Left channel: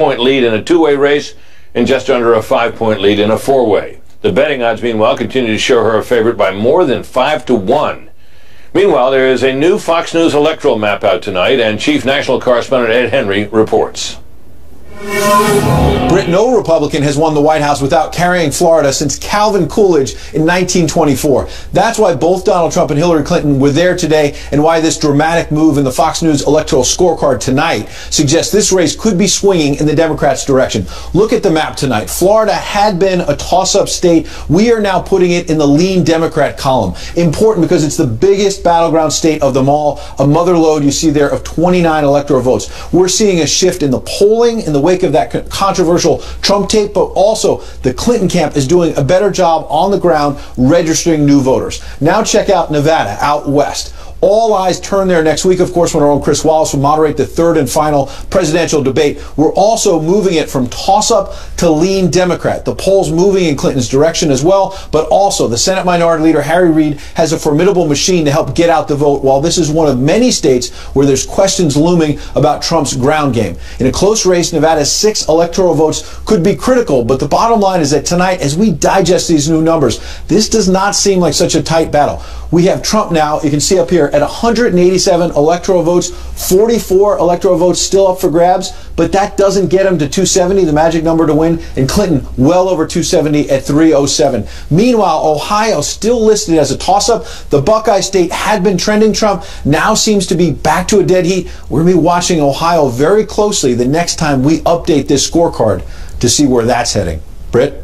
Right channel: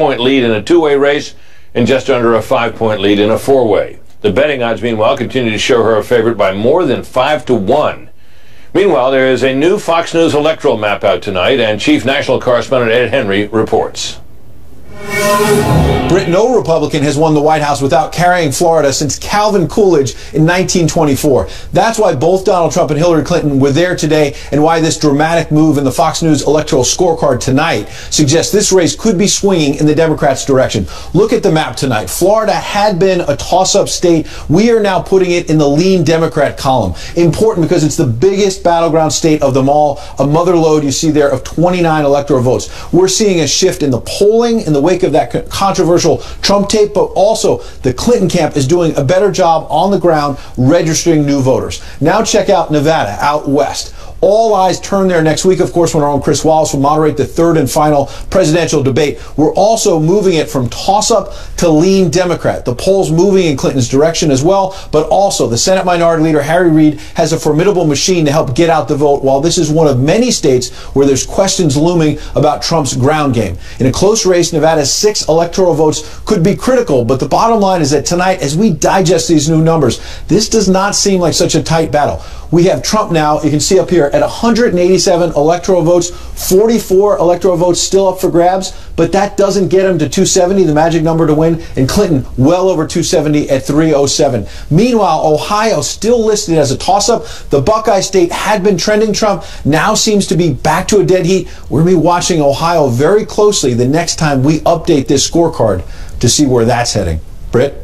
6-point lead in a two-way race and just under a 5-point lead in a four-way. The betting odds, meanwhile, continue to show her a favorite by more than 5-1. Meanwhile, there is a new Fox News electoral map out tonight, and Chief National Correspondent Ed Henry reports. Britt, no Republican has won the White House without carrying Florida since Calvin Coolidge in 1924. That's why both Donald Trump and Hillary Clinton were there today, and why this dramatic move in the Fox News electoral scorecard tonight suggests this race could be swinging in the Democrats' direction. Look at the map tonight. Florida had been a toss-up state. We are now putting it in the lean Democrat column. Important because it's the biggest battleground state of them all. A mother lode you see there of 29 electoral votes. We're seeing a shift in the polling in the wake of that controversial Trump tape, but also the Clinton camp is doing a better job on the ground registering new voters. Now check out Nevada, out west. All eyes turn there next week, of course, when our own Chris Wallace will moderate the third and final presidential debate. We're also moving it from toss-up to lean Democrat. The polls moving in Clinton's direction as well, but also the Senate Minority Leader Harry Reid has a formidable machine to help get out the vote, while this is one of many states where there's questions looming about Trump's ground game. In a close race, Nevada's 6 electoral votes could be critical, but the bottom line is that tonight, as we digest these new numbers, this does not seem like such a tight battle. We have Trump now, you can see up here, at 187 electoral votes, 44 electoral votes still up for grabs, but that doesn't get him to 270, the magic number to win, and Clinton well over 270 at 307. Meanwhile, Ohio still listed as a toss-up. The Buckeye State had been trending Trump, now seems to be back to a dead heat. We're going to be watching Ohio very closely the next time we update this scorecard to see where that's heading. Britt?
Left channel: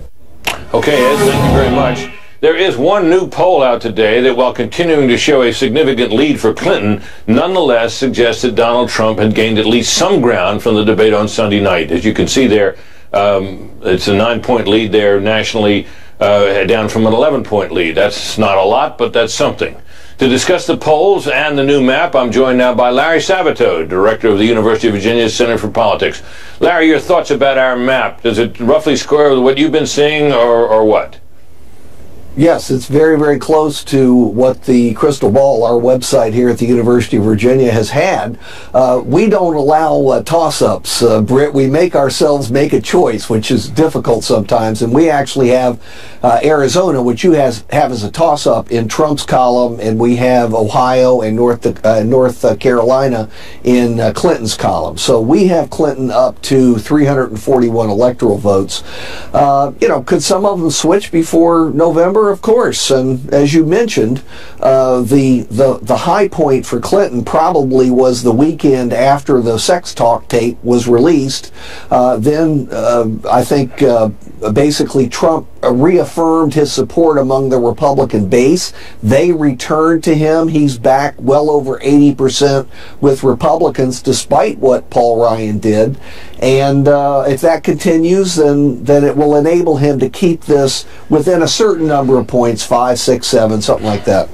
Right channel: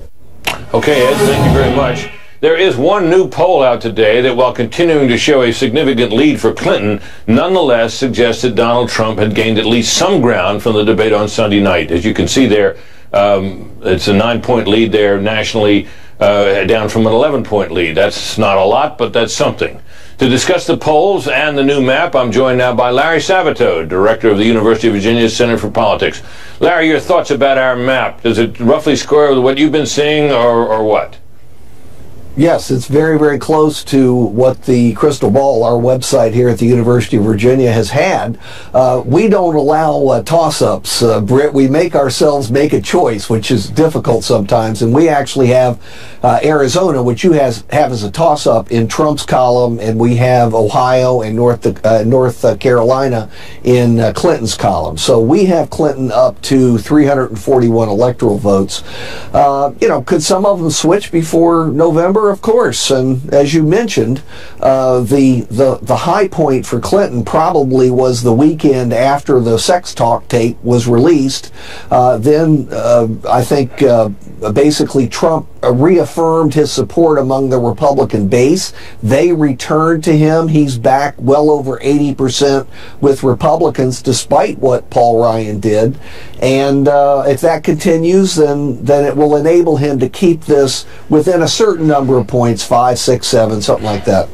Okay, Ed, thank you very much. There is one new poll out today that, while continuing to show a significant lead for Clinton, nonetheless suggests that Donald Trump had gained at least some ground from the debate on Sunday night. As you can see there, it's a 9-point lead there nationally, down from an 11-point lead. That's not a lot, but that's something. To discuss the polls and the new map, I'm joined now by Larry Sabato, director of the University of Virginia Center for Politics. Larry, your thoughts about our map? Does it roughly square with what you've been seeing, or what? Yes, it's very, very close to what the Crystal Ball, our website here at the University of Virginia, has had. We don't allow toss-ups, Britt. We make ourselves make a choice, which is difficult sometimes, and we actually have Arizona, which you have as a toss-up in Trump's column, and we have Ohio and North Carolina in Clinton's column. So we have Clinton up to 341 electoral votes. Could some of them switch before November? Of course, and as you mentioned, the high point for Clinton probably was the weekend after the sex talk tape was released. Then I think basically Trump reaffirmed his support among the Republican base. They returned to him. He's back well over 80% with Republicans, despite what Paul Ryan did. And if that continues, then it will enable him to keep this within a certain number of points, 5, 6, 7, something like that.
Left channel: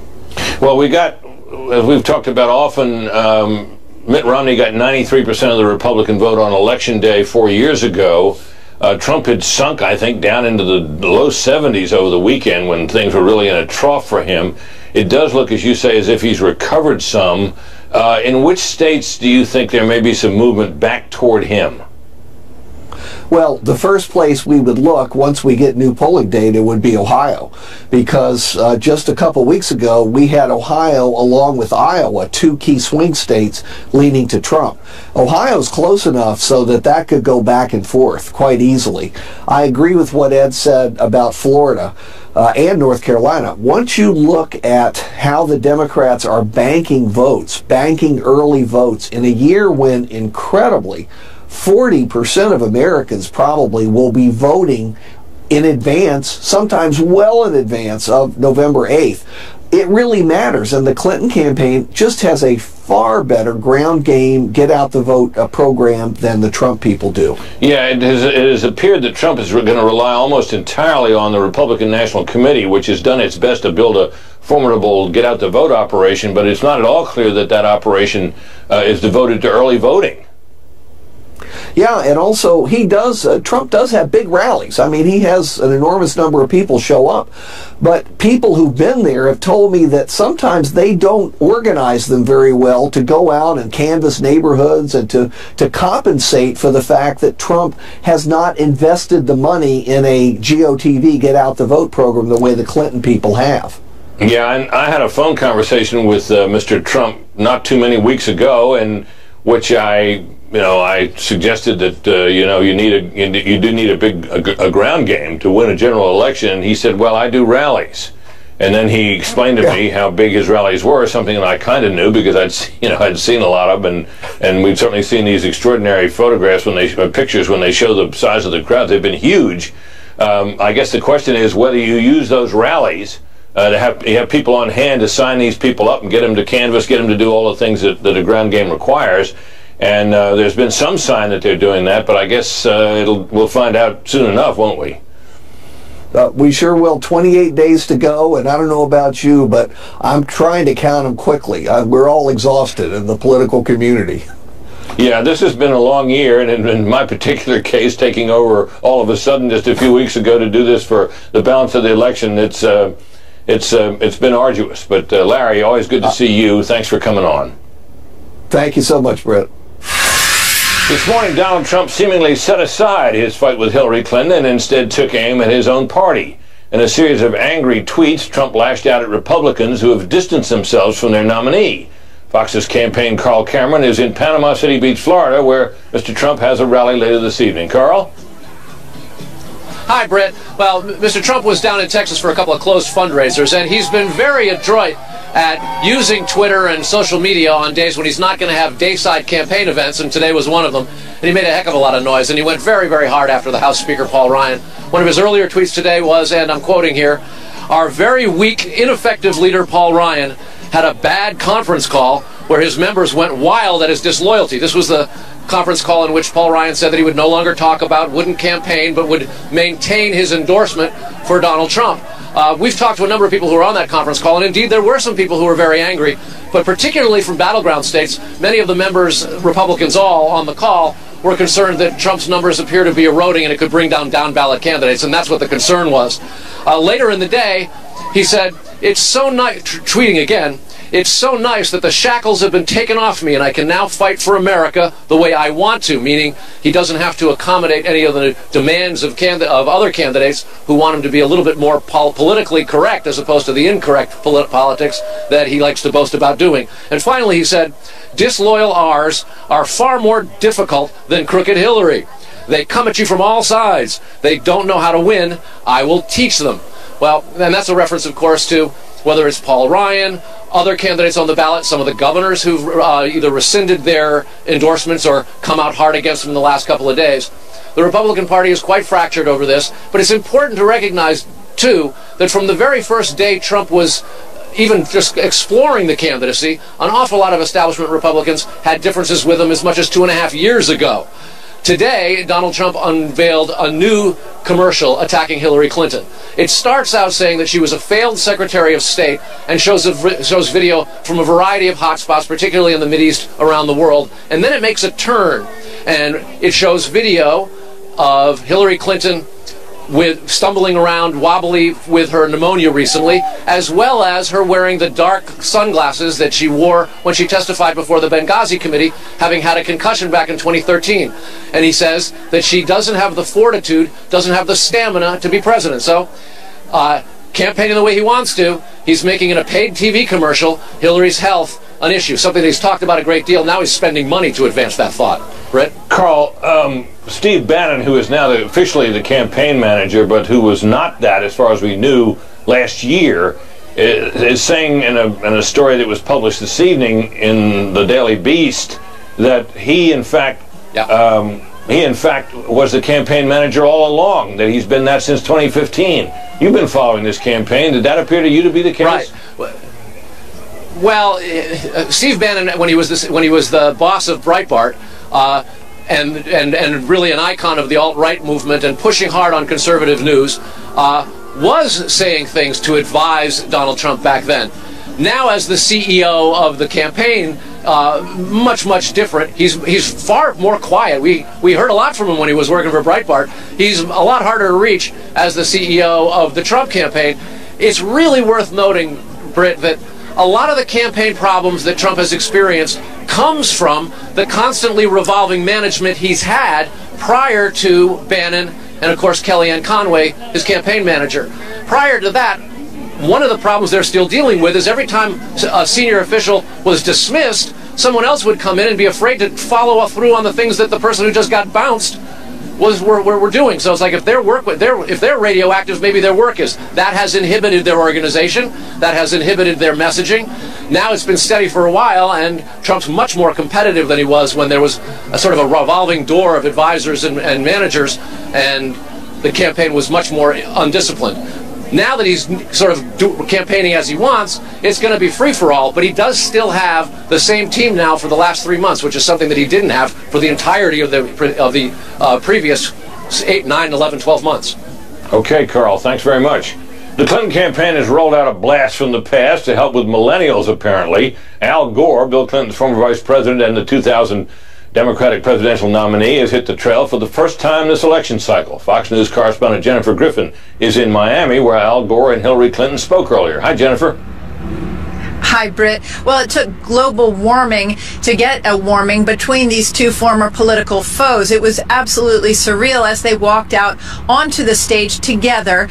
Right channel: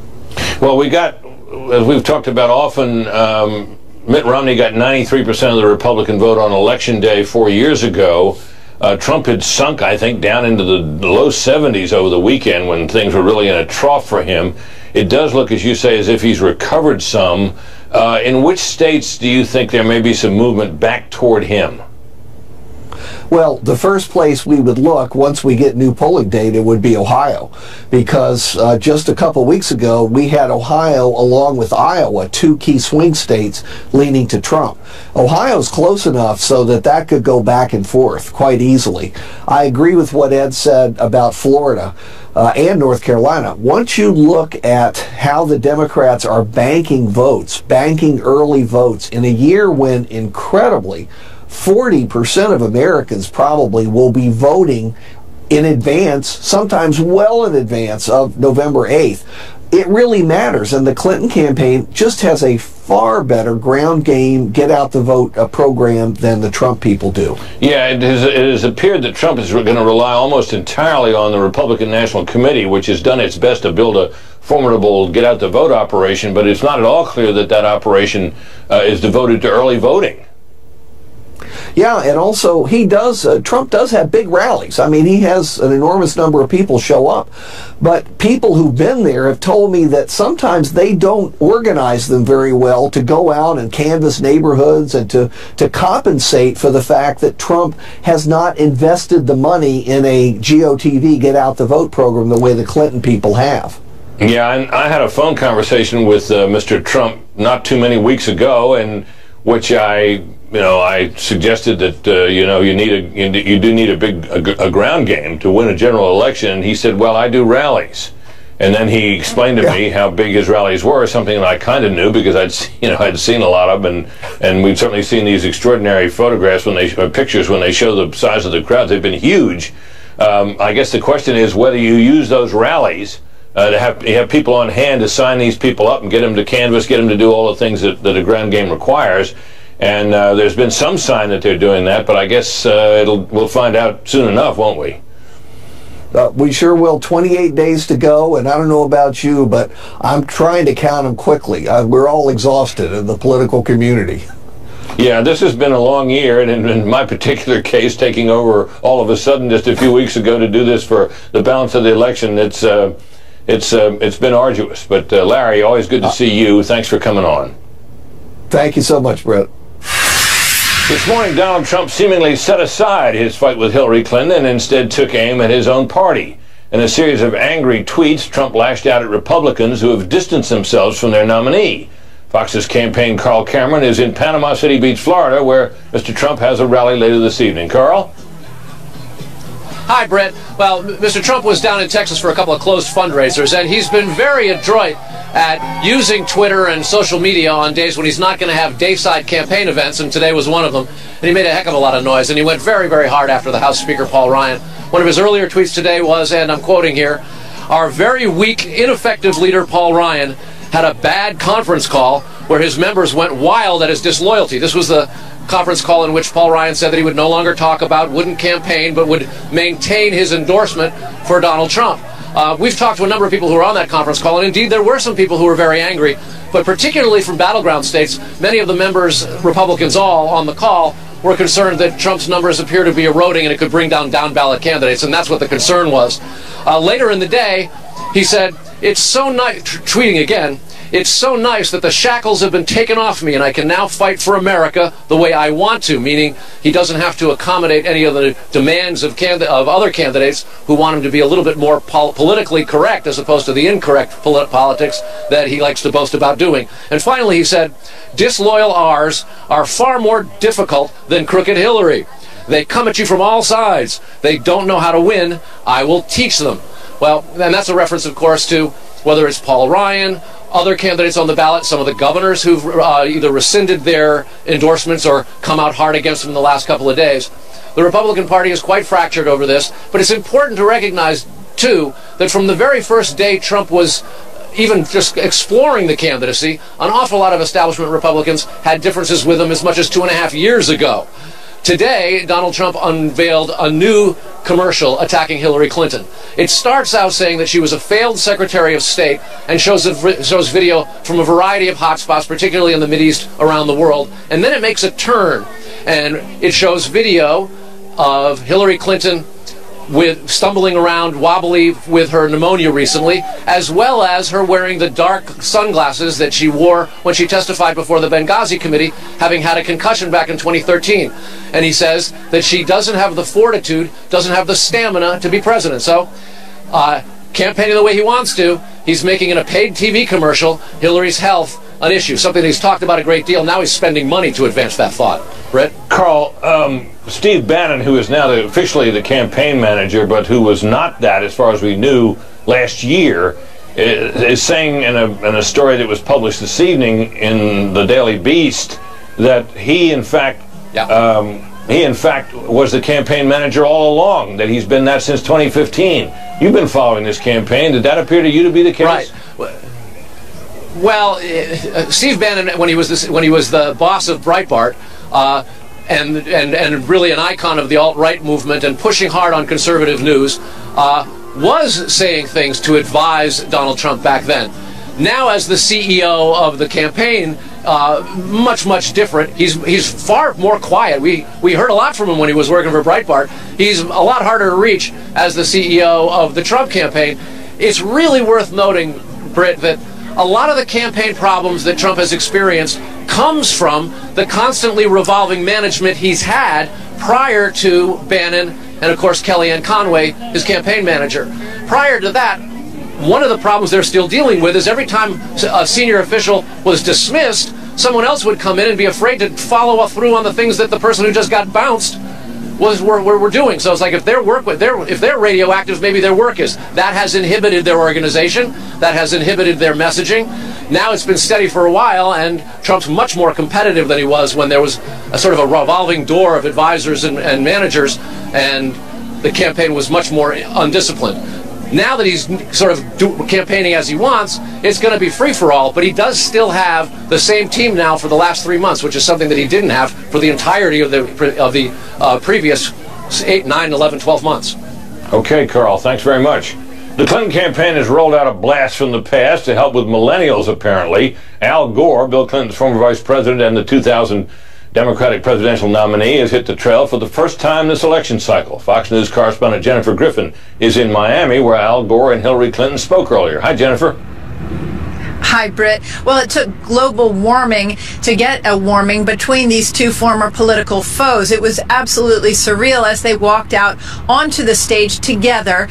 Well, we got, as we've talked about often, Mitt Romney got 93% of the Republican vote on Election Day 4 years ago. Trump had sunk, I think, down into the low 70s over the weekend when things were really in a trough for him. It does look, as you say, as if he's recovered some. In which states do you think there may be some movement back toward him? Well, the first place we would look once we get new polling data would be Ohio, because just a couple weeks ago we had Ohio along with Iowa, 2 key swing states leaning to Trump. Ohio's close enough so that could go back and forth quite easily. I agree with what Ed said about Florida and North Carolina. Once you look at how the Democrats are banking votes, banking early votes in a year when incredibly 40% of Americans probably will be voting in advance, sometimes well in advance of November 8th. It really matters, and the Clinton campaign just has a far better ground game, get out the vote program than the Trump people do. Yeah, it has appeared that Trump is going to rely almost entirely on the Republican National Committee, which has done its best to build a formidable get out the vote operation, but it's not at all clear that that operation is devoted to early voting. Yeah, and also Trump does have big rallies. I mean, he has an enormous number of people show up. But people who've been there have told me that sometimes they don't organize them very well to go out and canvass neighborhoods and to compensate for the fact that Trump has not invested the money in a GOTV, get out the vote program, the way the Clinton people have. Yeah, and I had a phone conversation with Mr. Trump not too many weeks ago, in which I suggested that you do need a ground game to win a general election. And he said, "Well, I do rallies." And then he explained to me how big his rallies were, something that I kind of knew because I'd seen a lot of them, and we've certainly seen these extraordinary photographs pictures when they show the size of the crowds. They've been huge. I guess the question is whether you use those rallies to have people on hand to sign these people up and get them to canvass, get them to do all the things that a ground game requires. And there's been some sign that they're doing that, but I guess we'll find out soon enough, won't we? We sure will. 28 days to go, and I don't know about you, but I'm trying to count them quickly. We're all exhausted in the political community. Yeah, this has been a long year, and in my particular case, taking over all of a sudden just a few weeks ago to do this for the balance of the election, it's been arduous. But Larry, always good to see you. Thanks for coming on. Thank you so much, Brett. This morning, Donald Trump seemingly set aside his fight with Hillary Clinton and instead took aim at his own party. In a series of angry tweets, Trump lashed out at Republicans who have distanced themselves from their nominee. Fox's campaign Carl Cameron is in Panama City Beach, Florida, where Mr. Trump has a rally later this evening. Carl? Hi, Brett. Well, Mr. Trump was down in Texas for a couple of closed fundraisers, and he's been very adroit at using Twitter and social media on days when he's not going to have dayside campaign events, and today was one of them. And he made a heck of a lot of noise, and he went very, very hard after the House Speaker, Paul Ryan. One of his earlier tweets today was, and I'm quoting here, "Our very weak, ineffective leader, Paul Ryan, had a bad conference call where his members went wild at his disloyalty." This was the conference call in which Paul Ryan said that he would no longer talk about, wouldn't campaign, but would maintain his endorsement for Donald Trump. We've talked to a number of people who were on that conference call, and indeed there were some people who were very angry, but particularly from battleground states, many of the members, Republicans all, on the call, were concerned that Trump's numbers appear to be eroding and it could bring down ballot candidates, and that's what the concern was. Later in the day, he said, "It's so nice," tweeting again, "It's so nice that the shackles have been taken off me and I can now fight for America the way I want to," meaning he doesn't have to accommodate any of the demands of other candidates who want him to be a little bit more politically correct as opposed to the incorrect politics that he likes to boast about doing. And finally he said, "Disloyal R's are far more difficult than crooked Hillary. They come at you from all sides. They don't know how to win. I will teach them." Well, and that's a reference, of course, to whether it's Paul Ryan, other candidates on the ballot, some of the governors who've either rescinded their endorsements or come out hard against them in the last couple of days. The Republican Party is quite fractured over this, but it's important to recognize, too, that from the very first day Trump was even just exploring the candidacy, an awful lot of establishment Republicans had differences with him as much as 2.5 years ago. Today, Donald Trump unveiled a new commercial attacking Hillary Clinton. It starts out saying that she was a failed Secretary of State and shows video from a variety of hotspots, particularly in the Mideast around the world. And then it makes a turn, and it shows video of Hillary Clinton stumbling around wobbly with her pneumonia recently, as well as her wearing the dark sunglasses that she wore when she testified before the Benghazi committee, having had a concussion back in 2013. And he says that she doesn't have the fortitude, doesn't have the stamina to be president. So, campaigning the way he wants to, he's making in a paid TV commercial Hillary's health an issue, something that he's talked about a great deal. Now he's spending money to advance that thought. Brett? Carl, Steve Bannon, who is now officially the campaign manager, but who was not that as far as we knew last year, is saying in a story that was published this evening in the Daily Beast that he, in fact, was the campaign manager all along, that he's been that since 2015. You've been following this campaign. Did that appear to you to be the case? Right. Well, Steve Bannon, when he was the boss of Breitbart, and really an icon of the alt-right movement and pushing hard on conservative news, was saying things to advise Donald Trump back then. Now, as the CEO of the campaign, much different. He's far more quiet. We heard a lot from him when he was working for Breitbart. He's a lot harder to reach as the CEO of the Trump campaign. It's really worth noting, Britt, that a lot of the campaign problems that Trump has experienced comes from the constantly revolving management he's had prior to Bannon and, of course, Kellyanne Conway, his campaign manager. Prior to that, one of the problems they're still dealing with is every time a senior official was dismissed, someone else would come in and be afraid to follow through on the things that the person who just got bounced were doing. So it's like if they're radioactive, maybe their work is. That has inhibited their organization. That has inhibited their messaging. Now it's been steady for a while, and Trump's much more competitive than he was when there was a sort of a revolving door of advisors and managers, and the campaign was much more undisciplined. Now that he's sort of campaigning as he wants, it's going to be free-for-all, but he does still have the same team now for the last 3 months, which is something that he didn't have for the entirety of the previous 8, 9, 11, 12 months. Okay, Carl, thanks very much. The Clinton campaign has rolled out a blast from the past to help with millennials, apparently. Al Gore, Bill Clinton's former vice president and the 2000 Democratic presidential nominee, has hit the trail for the first time this election cycle. Fox News correspondent Jennifer Griffin is in Miami, where Al Gore and Hillary Clinton spoke earlier. Hi, Jennifer. Hi, Britt. Well, it took global warming to get a warming between these two former political foes. It was absolutely surreal as they walked out onto the stage together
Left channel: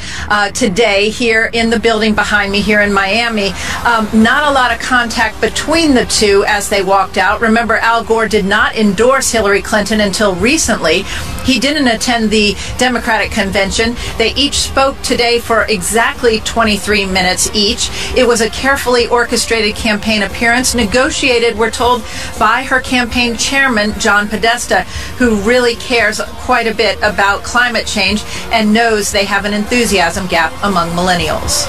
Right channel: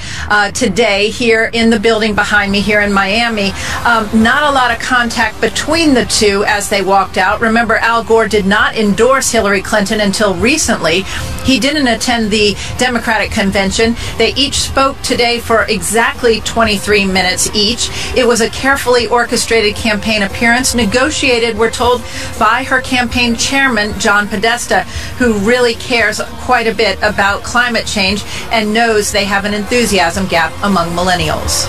today here in the building behind me here in Miami. Not a lot of contact between the two as they walked out. Remember, Al Gore did not endorse Hillary Clinton until recently. He didn't attend the Democratic convention. They each spoke today for exactly 23 minutes each. It was a carefully orchestrated campaign appearance, negotiated, we're told, by her campaign chairman, John Podesta, who really cares quite a bit about climate change and knows they have an enthusiasm gap among millennials.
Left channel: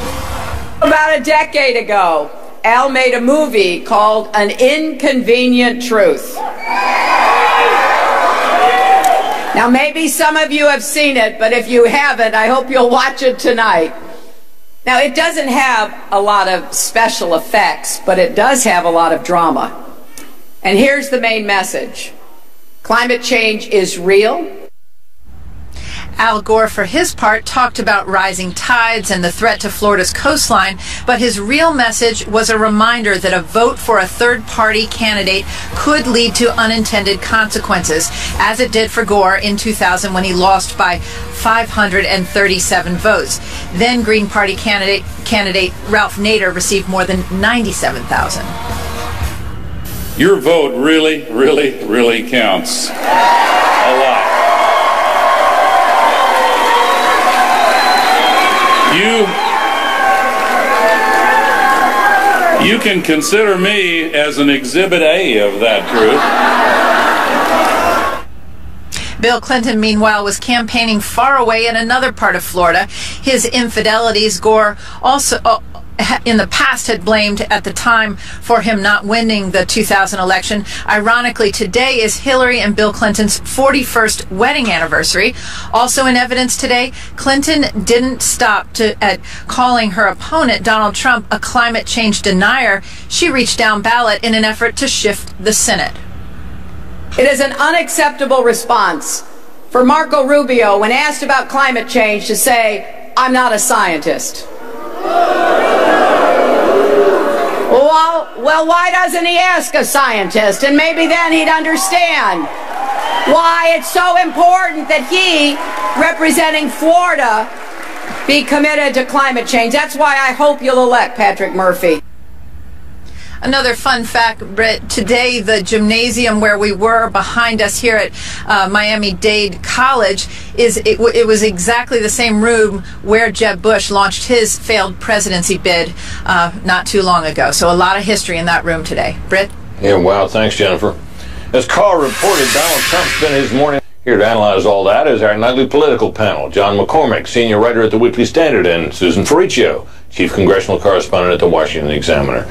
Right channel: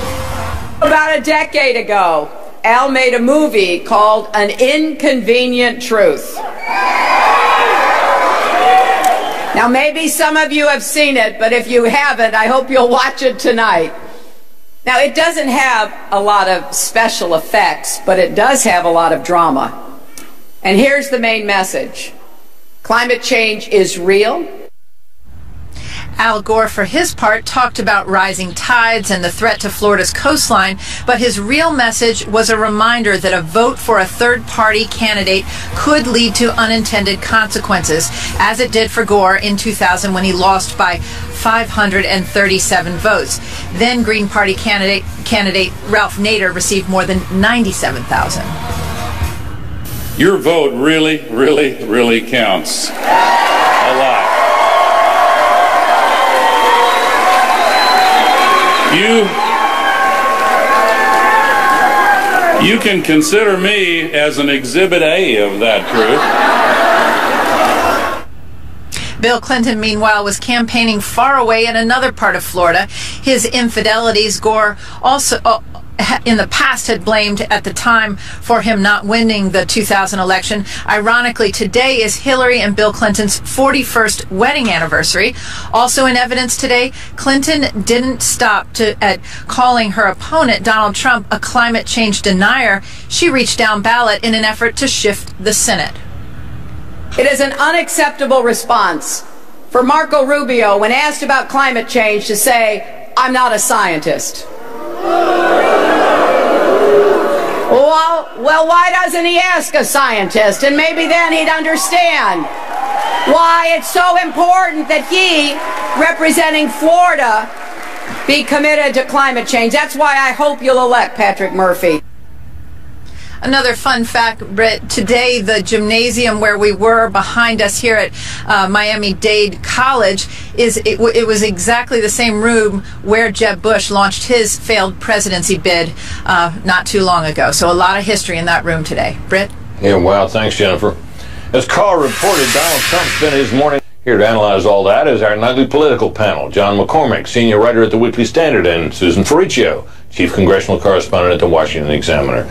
About a decade ago, Al made a movie called An Inconvenient Truth. Now, maybe some of you have seen it, but if you haven't, I hope you'll watch it tonight. Now, it doesn't have a lot of special effects, but it does have a lot of drama. And here's the main message. Climate change is real. Al Gore, for his part, talked about rising tides and the threat to Florida's coastline, but his real message was a reminder that a vote for a third-party candidate could lead to unintended consequences, as it did for Gore in 2000 when he lost by 537 votes. Then Green Party candidate Ralph Nader received more than 97,000. Your vote really counts. A lot. You can consider me as an Exhibit A of that truth. Bill Clinton, meanwhile, was campaigning far away in another part of Florida. His infidelities, Gore also in the past had blamed at the time for him not winning the 2000 election. Ironically, today is Hillary and Bill Clinton's 41st wedding anniversary. Also in evidence today, Clinton didn't stop at calling her opponent, Donald Trump, a climate change denier. She reached down ballot in an effort to shift the Senate. It is an unacceptable response for Marco Rubio, when asked about climate change, to say, "I'm not a scientist." Well, why doesn't he ask a scientist? And maybe then he'd understand why it's so important that he, representing Florida, be committed to climate change. That's why I hope you'll elect Patrick Murphy. Another fun fact, Britt, today the gymnasium where we were behind us here at Miami-Dade College, it was exactly the same room where Jeb Bush launched his failed presidency bid not too long ago. So a lot of history in that room today. Britt? Yeah, wow, thanks, Jennifer. As Carl reported, Donald Trump spent his morning here to analyze all that is our nightly political panel. John McCormick, senior writer at the Weekly Standard, and Susan Ferriccio, chief congressional correspondent at the Washington Examiner.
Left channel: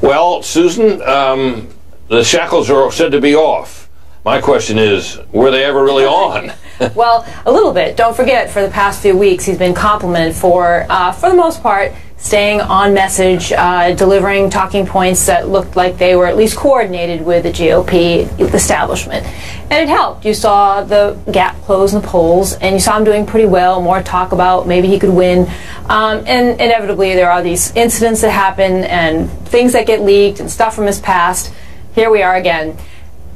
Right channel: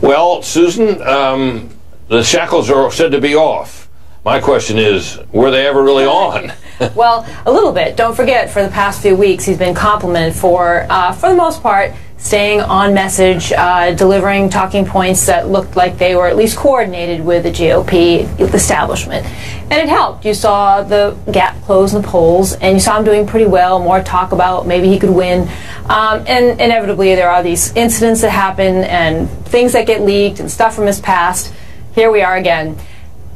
Well, Susan, the shackles are said to be off. My question is, were they ever really on? Well, a little bit. Don't forget, for the past few weeks, he's been complimented for the most part, staying on message, delivering talking points that looked like they were at least coordinated with the GOP establishment. And it helped. You saw the gap close in the polls, and you saw him doing pretty well, more talk about maybe he could win. And inevitably there are these incidents that happen and things that get leaked and stuff from his past. Here we are again.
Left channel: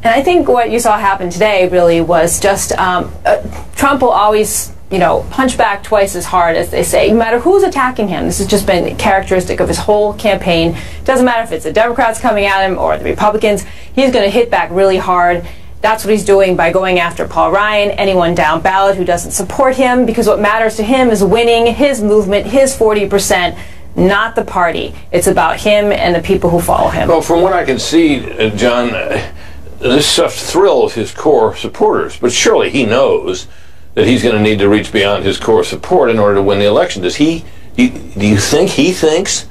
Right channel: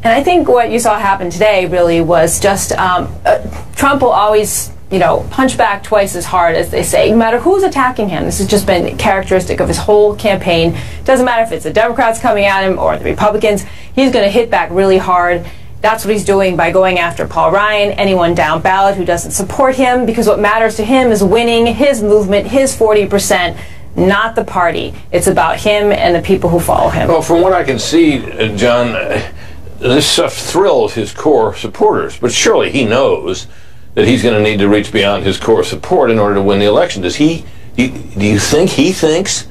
And I think what you saw happen today really was just Trump will always, you know, punch back twice as hard, as they say, no matter who's attacking him. This has just been characteristic of his whole campaign. It doesn't matter if it's the Democrats coming at him or the Republicans. He's going to hit back really hard. That's what he's doing by going after Paul Ryan, anyone down ballot who doesn't support him, because what matters to him is winning his movement, his 40%, not the party. It's about him and the people who follow him. Well, from what I can see, John, this stuff thrills his core supporters, but surely he knows that he's going to need to reach beyond his core support in order to win the election. Do you think he thinks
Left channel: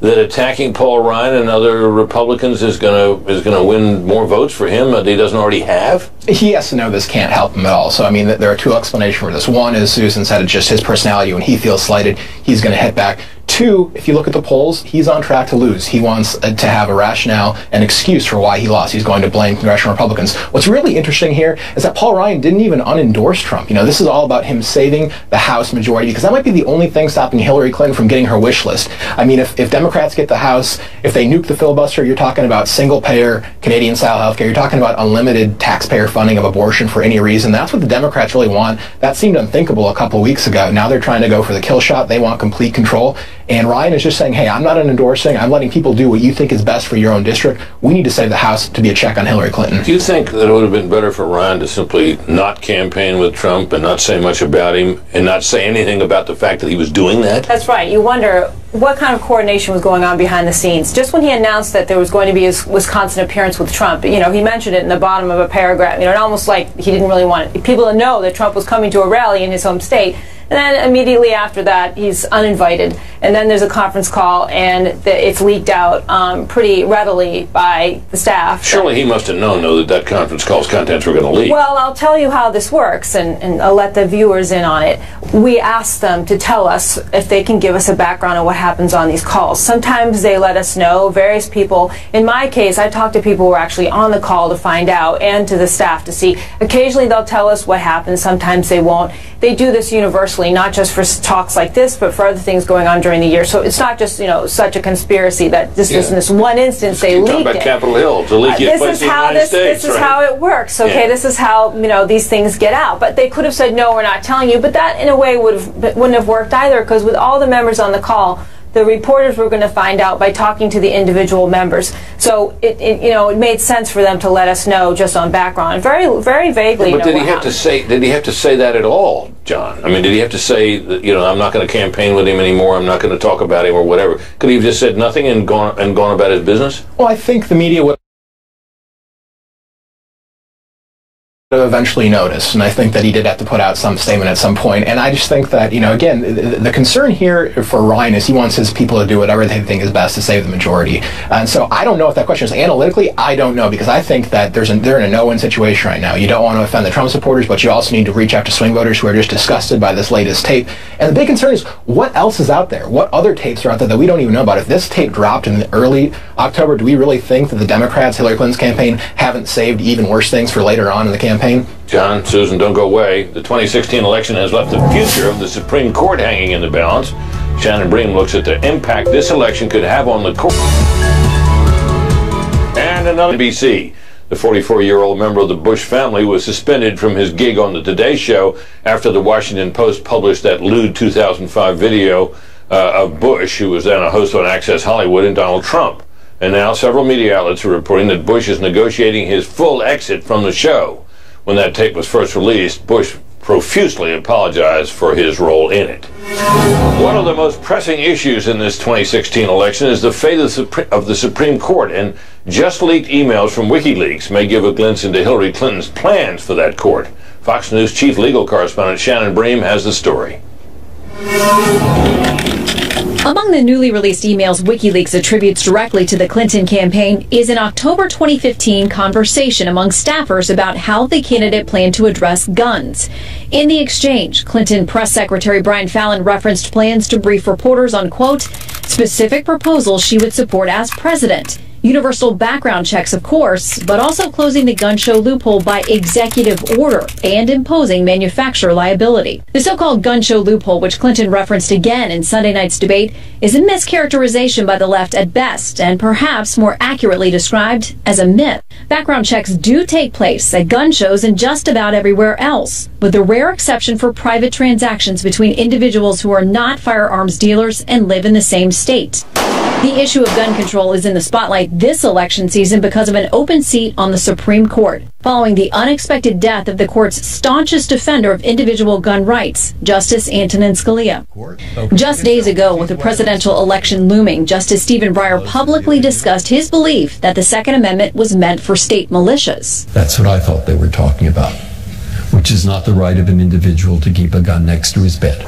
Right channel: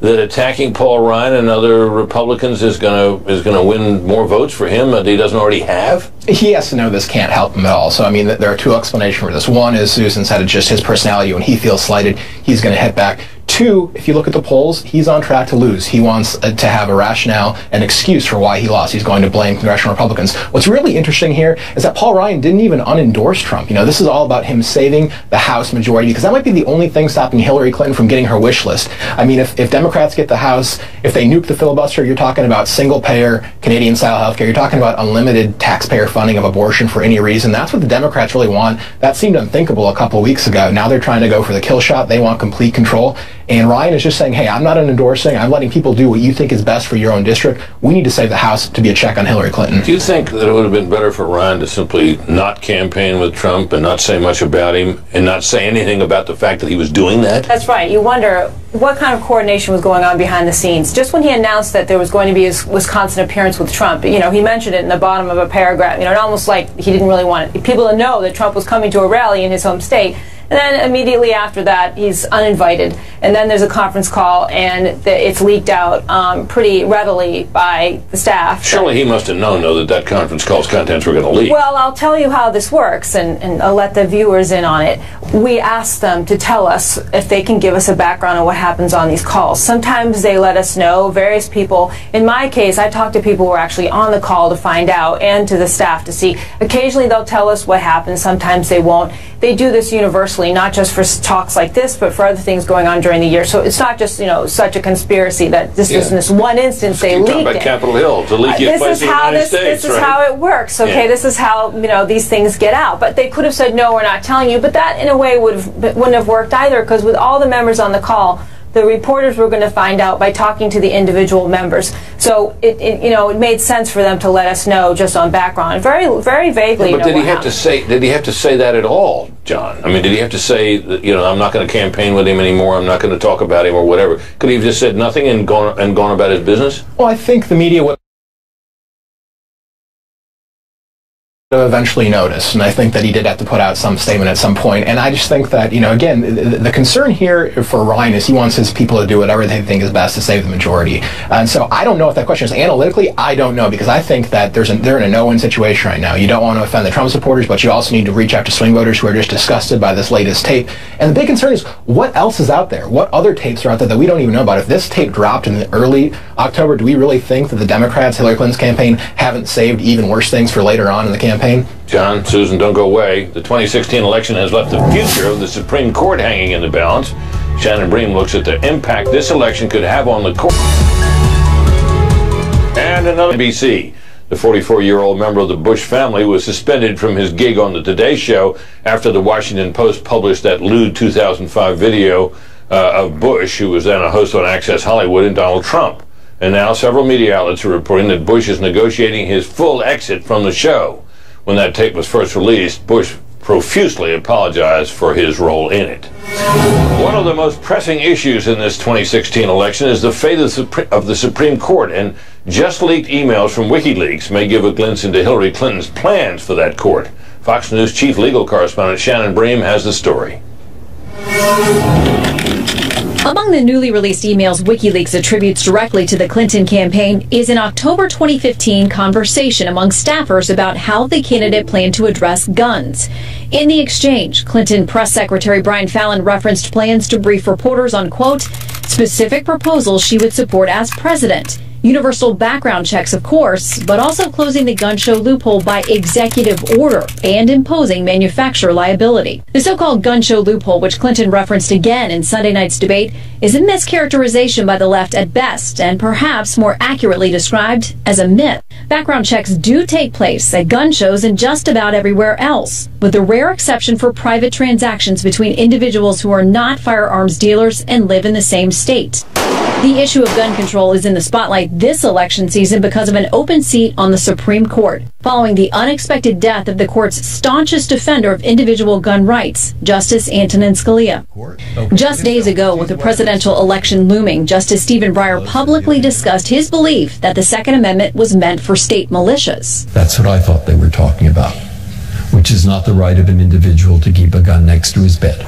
that attacking Paul Ryan and other Republicans is going to win more votes for him that he doesn't already have? He has to know this can't help him at all. So, I mean, there are two explanations for this. One is, Susan said, it's just his personality. When he feels slighted, he's going to hit back. Two, if you look at the polls, he's on track to lose. He wants to have a rationale, an excuse for why he lost. He's going to blame congressional Republicans. What's really interesting here is that Paul Ryan didn't even unendorse Trump. You know, this is all about him saving the House majority, because that might be the only thing stopping Hillary Clinton from getting her wish list. I mean, if Democrats get the House, if they nuke the filibuster, you're talking about single-payer Canadian-style health care. You're talking about unlimited taxpayer funding of abortion for any reason. That's what the Democrats really want. That seemed unthinkable a couple of weeks ago. Now they're trying to go for the kill shot. They want complete control. And Ryan is just saying, hey, I'm not endorsing. I'm letting people do what you think is best for your own district. We need to save the House to be a check on Hillary Clinton. Do you think that it would have been better for Ryan to simply not campaign with Trump and not say much about him and not say anything about the fact that he was doing that? That's right. You wonder what kind of coordination was going on behind the scenes. Just when he announced that there was going to be his Wisconsin appearance with Trump, you know, he mentioned it in the bottom of a paragraph. You know, almost like he didn't really want people to know that Trump was coming to a rally in his home state. And then immediately after that, he's uninvited. And then there's a conference call, and it's leaked out pretty readily by the staff. Surely he must have known, though, that conference call's contents were going to leak. Well, I'll tell you how this works, and I'll let the viewers in on it. We ask them to tell us if they can give us a background on what happens on these calls. Sometimes they let us know. Various people, in my case, I talk to people who are actually on the call to find out, and to the staff to see. Occasionally they'll tell us what happens. Sometimes they won't. They do this universally, not just for talks like this, but for other things going on during the year. So it's not just, you know, such a conspiracy that this is in this one instance they leaked about it. Capitol Hill, to leak it place in the United States. This is how it works. Okay, this is how, you know, these things get out. But they could have said, no, we're not telling you. But that, in a way, wouldn't have worked either, because with all the members on the call, the reporters were going to find out by talking to the individual members. So it made sense for them to let us know just on background, very very vaguely. But did he have to say that at all, John? I mean, did he have to say that, you know, I'm not going to campaign with him anymore, I'm not going to talk about him or whatever? Could he have just said nothing and gone about his business? Well, I think the media would eventually notice, and I think that he did have to put out some statement at some point. And I just think that, you know, again, the concern here for Ryan is he wants his people to do whatever they think is best to save the majority. And so I don't know if that question is analytically. I don't know, because I think that they're in a no-win situation right now. You don't want to offend the Trump supporters, but you also need to reach out to swing voters who are just disgusted by this latest tape. And the big concern is, what else is out there? What other tapes are out there that we don't even know about? If this tape dropped in early October, do we really think that the Democrats, Hillary Clinton's campaign, haven't saved even worse things for later on in the campaign? John, Susan, don't go away. The 2016 election has left the future of the Supreme Court hanging in the balance. Shannon Bream looks at the impact this election could have on the court. And another NBC. The 44-year-old member of the Bush family was suspended from his gig on the Today Show after the Washington Post published that lewd 2005 video of Bush, who was then a host on Access Hollywood, and Donald Trump. And now several media outlets are reporting that Bush is negotiating his full exit from the show. When that tape was first released, Bush profusely apologized for his role in it. One of the most pressing issues in this 2016 election is the fate of the Supreme Court, and just leaked emails from Wikileaks may give a glimpse into Hillary Clinton's plans for that court. Fox News chief legal correspondent Shannon Bream has the story. Among the newly released emails WikiLeaks attributes directly to the Clinton campaign is an October 2015 conversation among staffers about how the candidate planned to address guns. In the exchange, Clinton Press Secretary Brian Fallon referenced plans to brief reporters on, quote, specific proposals she would support as president. Universal background checks, of course, but also closing the gun show loophole by executive order and imposing manufacturer liability. The so-called gun show loophole, which Clinton referenced again in Sunday night's debate, is a mischaracterization by the left at best, and perhaps more accurately described as a myth. Background checks do take place at gun shows and just about everywhere else, with the rare exception for private transactions between individuals who are not firearms dealers and live in the same state. The issue of gun control is in the spotlight this election season because of an open seat on the Supreme Court, following the unexpected death of the court's staunchest defender of individual gun rights, Justice Antonin Scalia. Just days ago, with the presidential election looming, Justice Stephen Breyer publicly discussed his belief that the Second Amendment was meant for state militias. That's what I thought they were talking about, which is not the right of an individual to keep a gun next to his bed.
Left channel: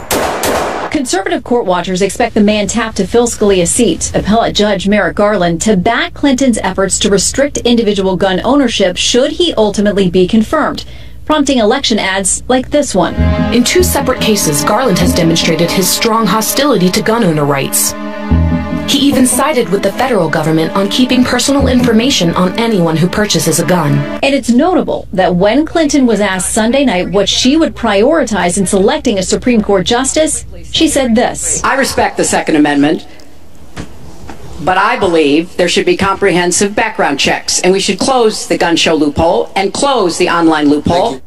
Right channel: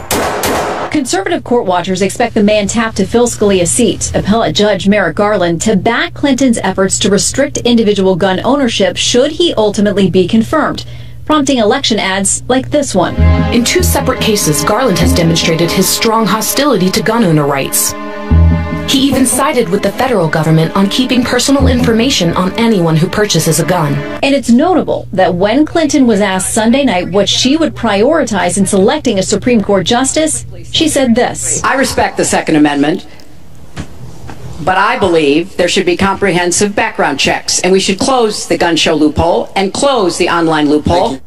Conservative court watchers expect the man tapped to fill Scalia's seat, appellate judge Merrick Garland, to back Clinton's efforts to restrict individual gun ownership should he ultimately be confirmed, prompting election ads like this one. In 2 separate cases, Garland has demonstrated his strong hostility to gun owner rights. He even sided with the federal government on keeping personal information on anyone who purchases a gun. And it's notable that when Clinton was asked Sunday night what she would prioritize in selecting a Supreme Court justice, she said this. I respect the Second Amendment, but I believe there should be comprehensive background checks, and we should close the gun show loophole and close the online loophole.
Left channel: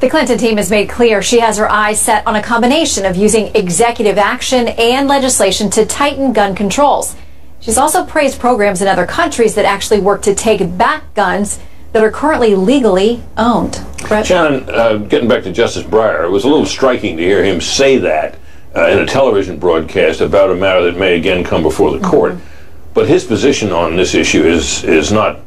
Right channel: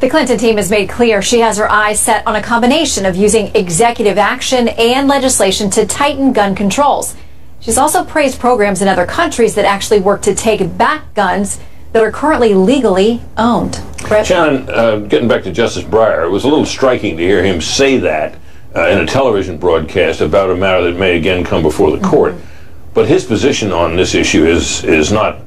The Clinton team has made clear she has her eyes set on a combination of using executive action and legislation to tighten gun controls. She's also praised programs in other countries that actually work to take back guns that are currently legally owned. Brett? Shannon, getting back to Justice Breyer, it was a little striking to hear him say that in a television broadcast about a matter that may again come before the court. But his position on this issue is not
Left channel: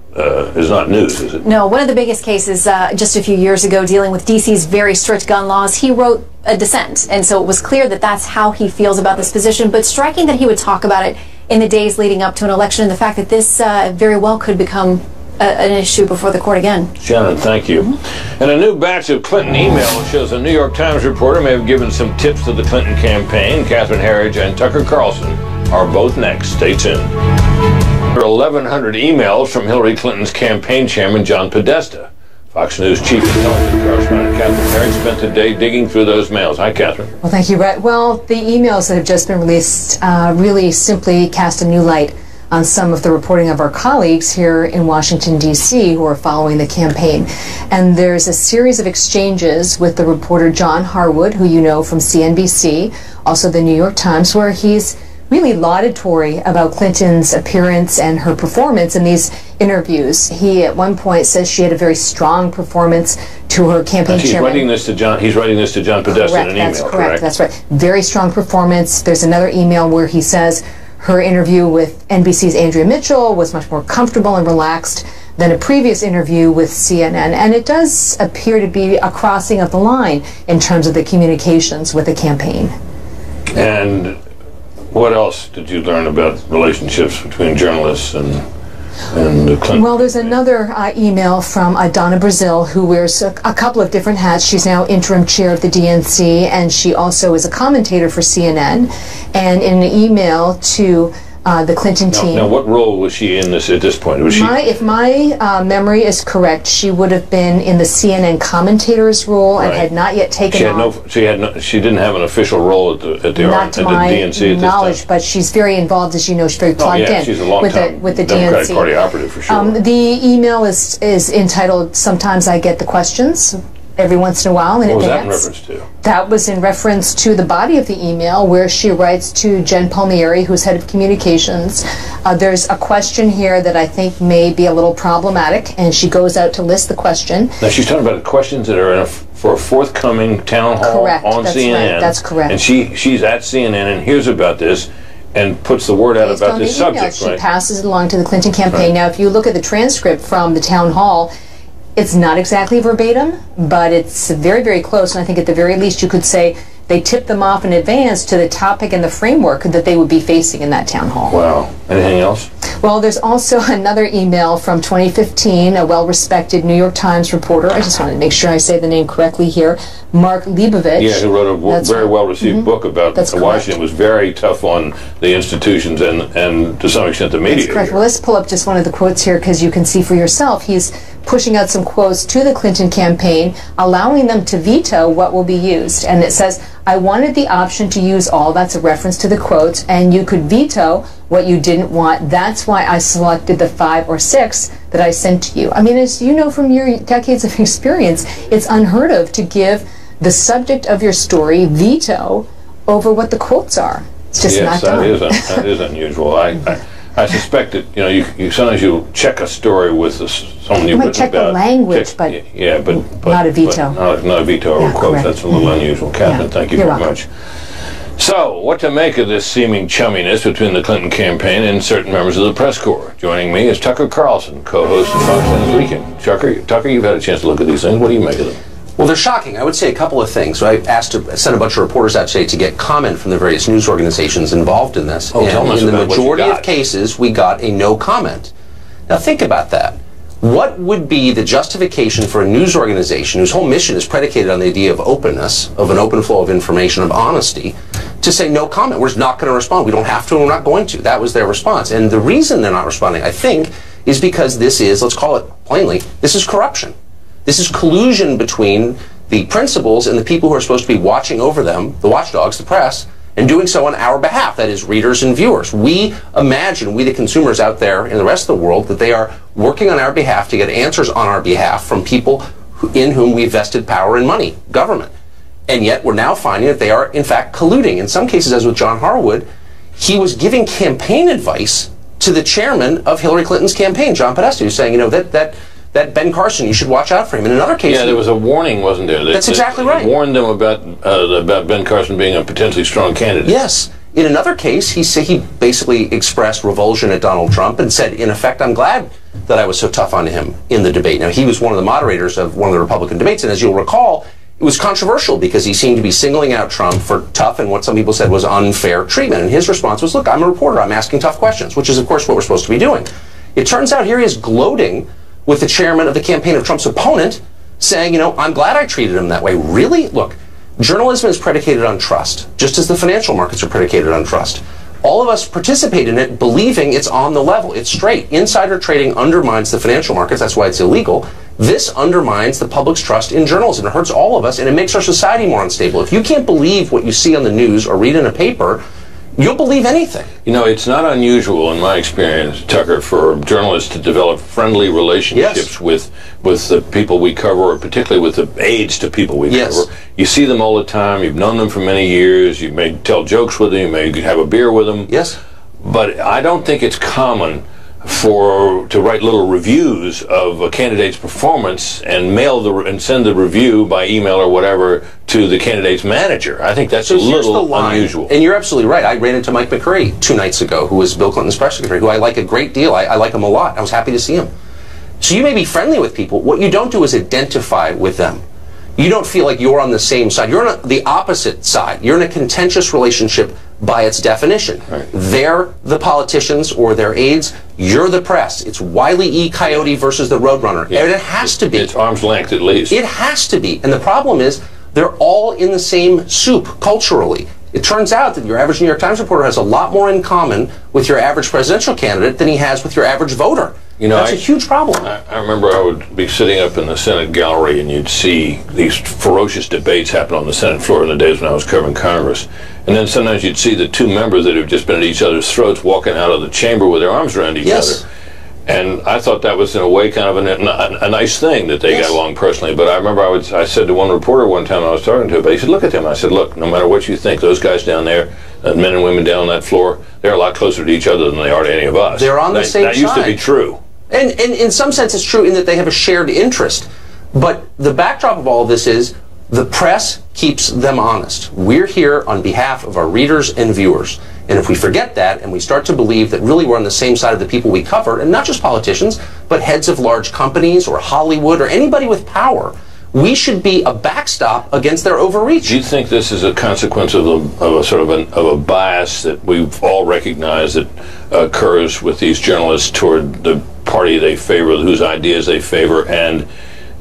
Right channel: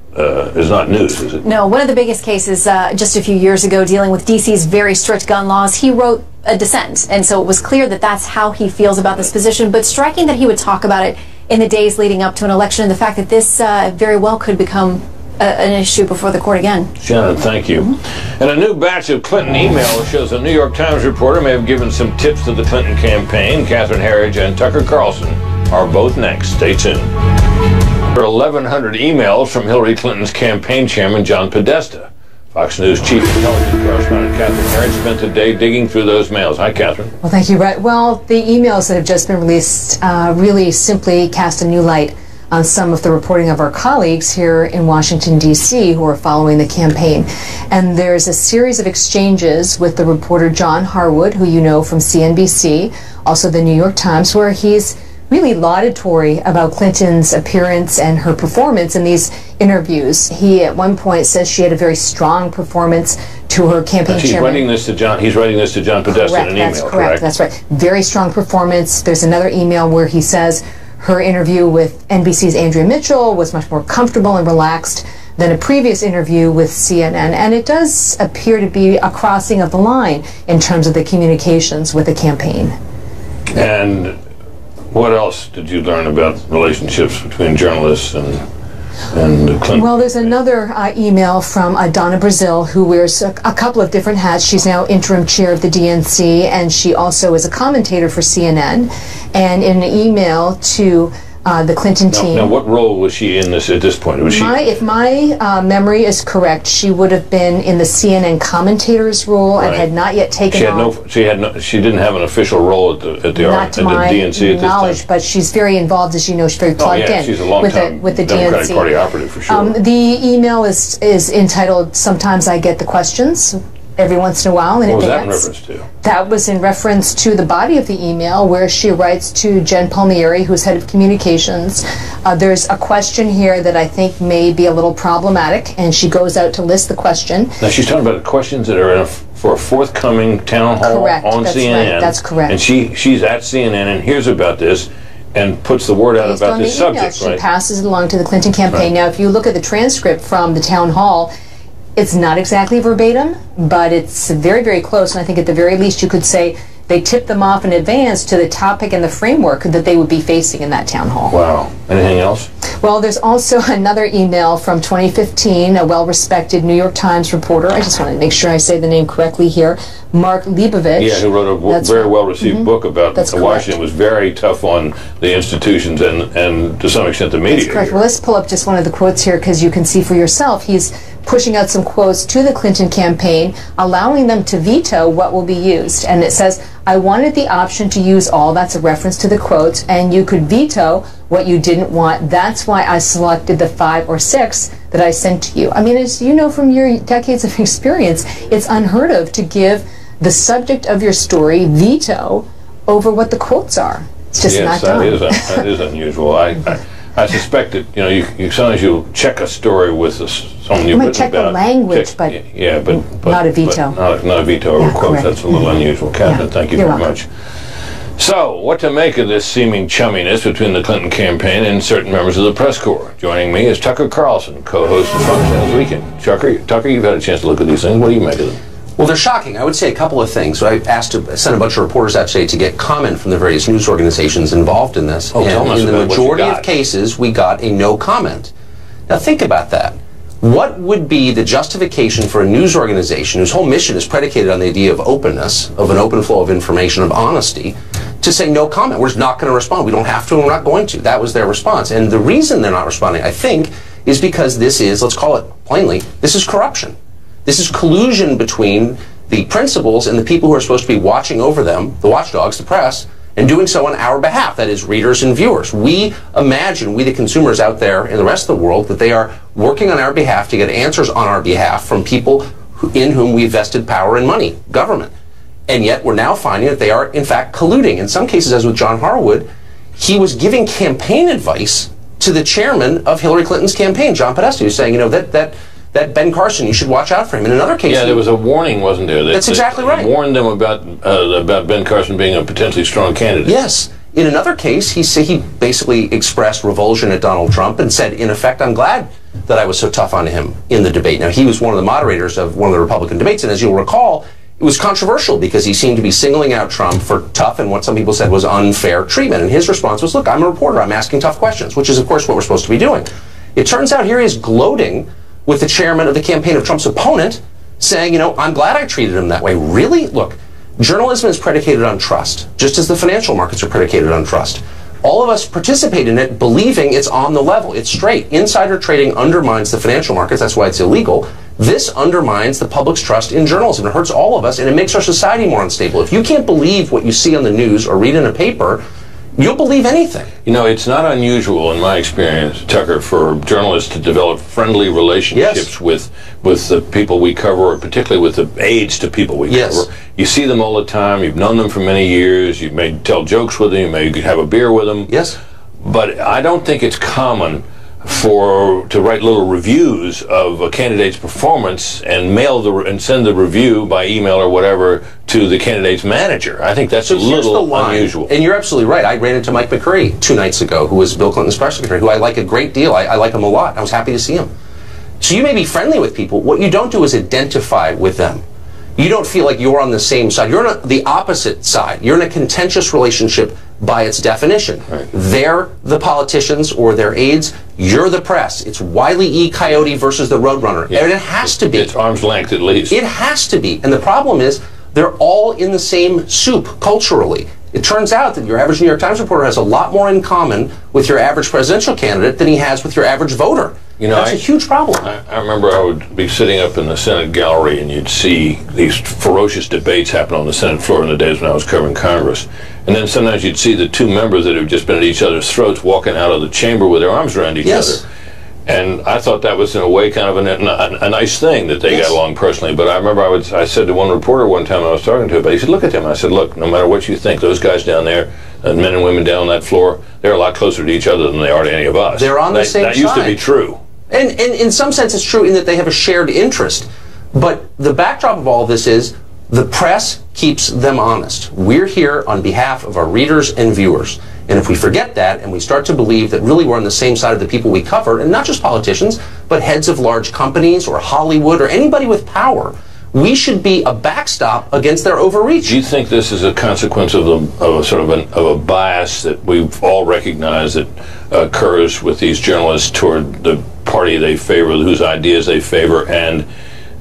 news, is it? No, one of the biggest cases just a few years ago dealing with D.C.'s very strict gun laws, he wrote a dissent, and so it was clear that that's how he feels about this position, but striking that he would talk about it in the days leading up to an election, and the fact that this very well could become an issue before the court again. Shannon, thank you. And a new batch of Clinton emails shows a New York Times reporter may have given some tips to the Clinton campaign. Catherine Herridge and Tucker Carlson are both next. Stay tuned. There are 1,100 emails from Hillary Clinton's campaign chairman, John Podesta. Fox News chief intelligence correspondent Catherine Herridge spent the day digging through those mails. Hi, Catherine. Well, thank you, Brett. Well, the emails that have just been released really simply cast a new light on some of the reporting of our colleagues here in Washington, D.C., who are following the campaign. And there's a series of exchanges with the reporter John Harwood, who you know from CNBC, also the New York Times, where he's really laudatory about Clinton's appearance and her performance in these interviews. He at one point says she had a very strong performance to her campaign chairman. He's writing this to John Podesta in an email, that's correct? That's right. Very strong performance. There's another email where he says her interview with NBC's Andrea Mitchell was much more comfortable and relaxed than a previous interview with CNN. And it does appear to be a crossing of the line in terms of the communications with the campaign. And what else did you learn about relationships between journalists and the Clinton? Well, there's another email from Donna Brazil, who wears a couple of different hats. She's now interim chair of the DNC, and she also is a commentator for CNN. And in an email to the Clinton team. Now, what role was she in this at this point? Was if my memory is correct, she would have been in the CNN commentator's role and had not yet taken on. She didn't have an official role at the DNC at this time. But she's very involved, as you know. She's very plugged in. She's a long time with the Democratic DNC. Party operative for sure. The email is entitled "Sometimes I Get the Questions." Every once in a while in advance. What was that in reference to? That was in reference to the body of the email, where she writes to Jen Palmieri, who's head of communications. There's a question here that I think may be a little problematic, and she goes out to list the question. Now she's talking about the questions that are for a forthcoming town hall on CNN. Right. That's correct. And she's at CNN and hears about this and puts the word out about this subject. She passes it along to the Clinton campaign. Now, if you look at the transcript from the town hall, it's not exactly verbatim, but it's very, very close, and I think at the very least you could say they tipped them off in advance to the topic and the framework that they would be facing in that town hall. Wow. Anything else? Well, there's also another email from 2015, a well-respected New York Times reporter. I just want to make sure I say the name correctly here. Mark Leibovich. Yeah, who wrote a very well-received book about Washington. Was very tough on the institutions and to some extent the media. That's correct. Well, let's pull up just one of the quotes here because you can see for yourself. He's pushing out some quotes to the Clinton campaign, allowing them to veto what will be used. And it says, I wanted the option to use all, that's a reference to the quotes, and you could veto what you didn't want. That's why I selected the 5 or 6 that I sent to you. I mean, as you know from your decades of experience, it's unheard of to give the subject of your story veto over what the quotes are. It's just not done. That is unusual. I suspect that you sometimes you check a story with someone you've written about. You might check the language, but not a veto. Not a veto over quotes. Correct. That's a little unusual. Catherine, thank you very much. So, what to make of this seeming chumminess between the Clinton campaign and certain members of the press corps? Joining me is Tucker Carlson, co-host of Fox News Weekend. Tucker, you've had a chance to look at these things. What do you make of them? Well, they're shocking. I would say a couple of things. So I sent a bunch of reporters out today to get comment from the various news organizations involved in this. Oh, tell us in the about majority of cases, we got a no comment. Now, think about that. What would be the justification for a news organization whose whole mission is predicated on the idea of openness, of an open flow of information, of honesty, to say no comment? We're just not going to respond. We don't have to, and we're not going to. That was their response. And the reason they're not responding, I think, is because this is, let's call it plainly, this is corruption. This is collusion between the principals and the people who are supposed to be watching over them, the watchdogs, the press, and doing so on our behalf, that is, readers and viewers. We imagine, we the consumers out there in the rest of the world, that they are working on our behalf to get answers on our behalf from people in whom we vested power and money, government. And yet we're now finding that they are, in fact, colluding. In some cases, as with John Harwood, he was giving campaign advice to the chairman of Hillary Clinton's campaign, John Podesta, who's saying, that Ben Carson, you should watch out for him. In another case, there was a warning, wasn't there? That's exactly right. Warned them about Ben Carson being a potentially strong candidate. Yes. In another case, he basically expressed revulsion at Donald Trump and said, in effect, I'm glad that I was so tough on him in the debate. Now, he was one of the moderators of one of the Republican debates, and as you'll recall, it was controversial because he seemed to be singling out Trump for tough and what some people said was unfair treatment. And his response was, look, I'm a reporter. I'm asking tough questions, which is, of course, what we're supposed to be doing. It turns out here he is gloating with the chairman of the campaign of Trump's opponent, saying, I'm glad I treated him that way. Really? Look, journalism is predicated on trust, just as the financial markets are predicated on trust. All of us participate in it believing it's on the level. It's straight. Insider trading undermines the financial markets. That's why it's illegal. This undermines the public's trust in journalism. It hurts all of us, and it makes our society more unstable. If you can't believe what you see on the news or read in a paper, you'll believe anything. It's not unusual in my experience, Tucker, for journalists to develop friendly relationships with the people we cover, or particularly with the aides to people we cover. You see them all the time. You've known them for many years. You may tell jokes with them. You may have a beer with them. Yes. But I don't think it's common to write little reviews of a candidate's performance and send the review by email or whatever to the candidate's manager. I think that's a little unusual. And you're absolutely right. I ran into Mike McCurry 2 nights ago, who was Bill Clinton's press secretary, who I like a great deal. I like him a lot. I was happy to see him. So you may be friendly with people. What you don't do is identify with them. You don't feel like you're on the same side. You're on the opposite side. You're in a contentious relationship by its definition. Right. They're the politicians or their aides. You're the press. It's Wile E. Coyote versus the Roadrunner. Yeah. And it has to be. It's arm's length at least. It has to be. And the problem is they're all in the same soup culturally. It turns out that your average New York Times reporter has a lot more in common with your average presidential candidate than he has with your average voter. That's a huge problem. I remember I would be sitting up in the Senate gallery and you'd see these ferocious debates happen on the Senate floor in the days when I was covering Congress. And then sometimes you'd see the two members that have just been at each other's throats walking out of the chamber with their arms around each other. And I thought that was, in a way, kind of a nice thing that they got along personally. But I remember I said to one reporter one time I was talking to him, he said, look at them. I said, look, no matter what you think, those guys down there, men and women down on that floor, they're a lot closer to each other than they are to any of us. They're on the same side. That used to be true. And in some sense it's true in that they have a shared interest. But the backdrop of all of this is the press keeps them honest. We're here on behalf of our readers and viewers. And if we forget that and we start to believe that really we're on the same side of the people we cover, and not just politicians, but heads of large companies or Hollywood or anybody with power, we should be a backstop against their overreach. Do you think this is a consequence of a bias that we've all recognized that occurs with these journalists toward the party they favor, whose ideas they favor, and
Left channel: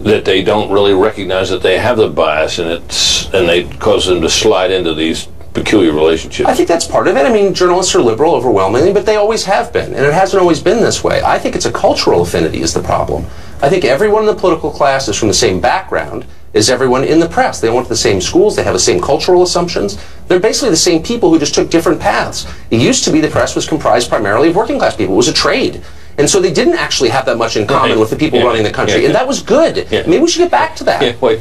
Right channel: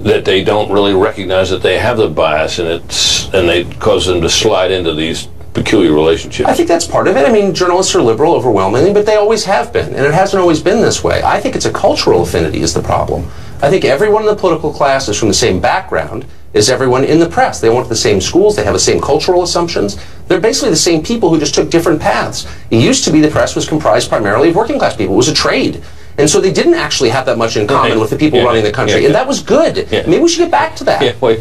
that they don't really recognize that they have the bias, and they cause them to slide into these peculiar relationships? I think that's part of it. I mean, journalists are liberal overwhelmingly, but they always have been, and it hasn't always been this way. I think it's a cultural affinity is the problem. I think everyone in the political class is from the same background as everyone in the press. They went to the same schools, they have the same cultural assumptions. They're basically the same people who just took different paths. It used to be the press was comprised primarily of working class people. It was a trade. And so they didn't actually have that much in common with the people running the country. And that was good. Maybe we should get back to that. But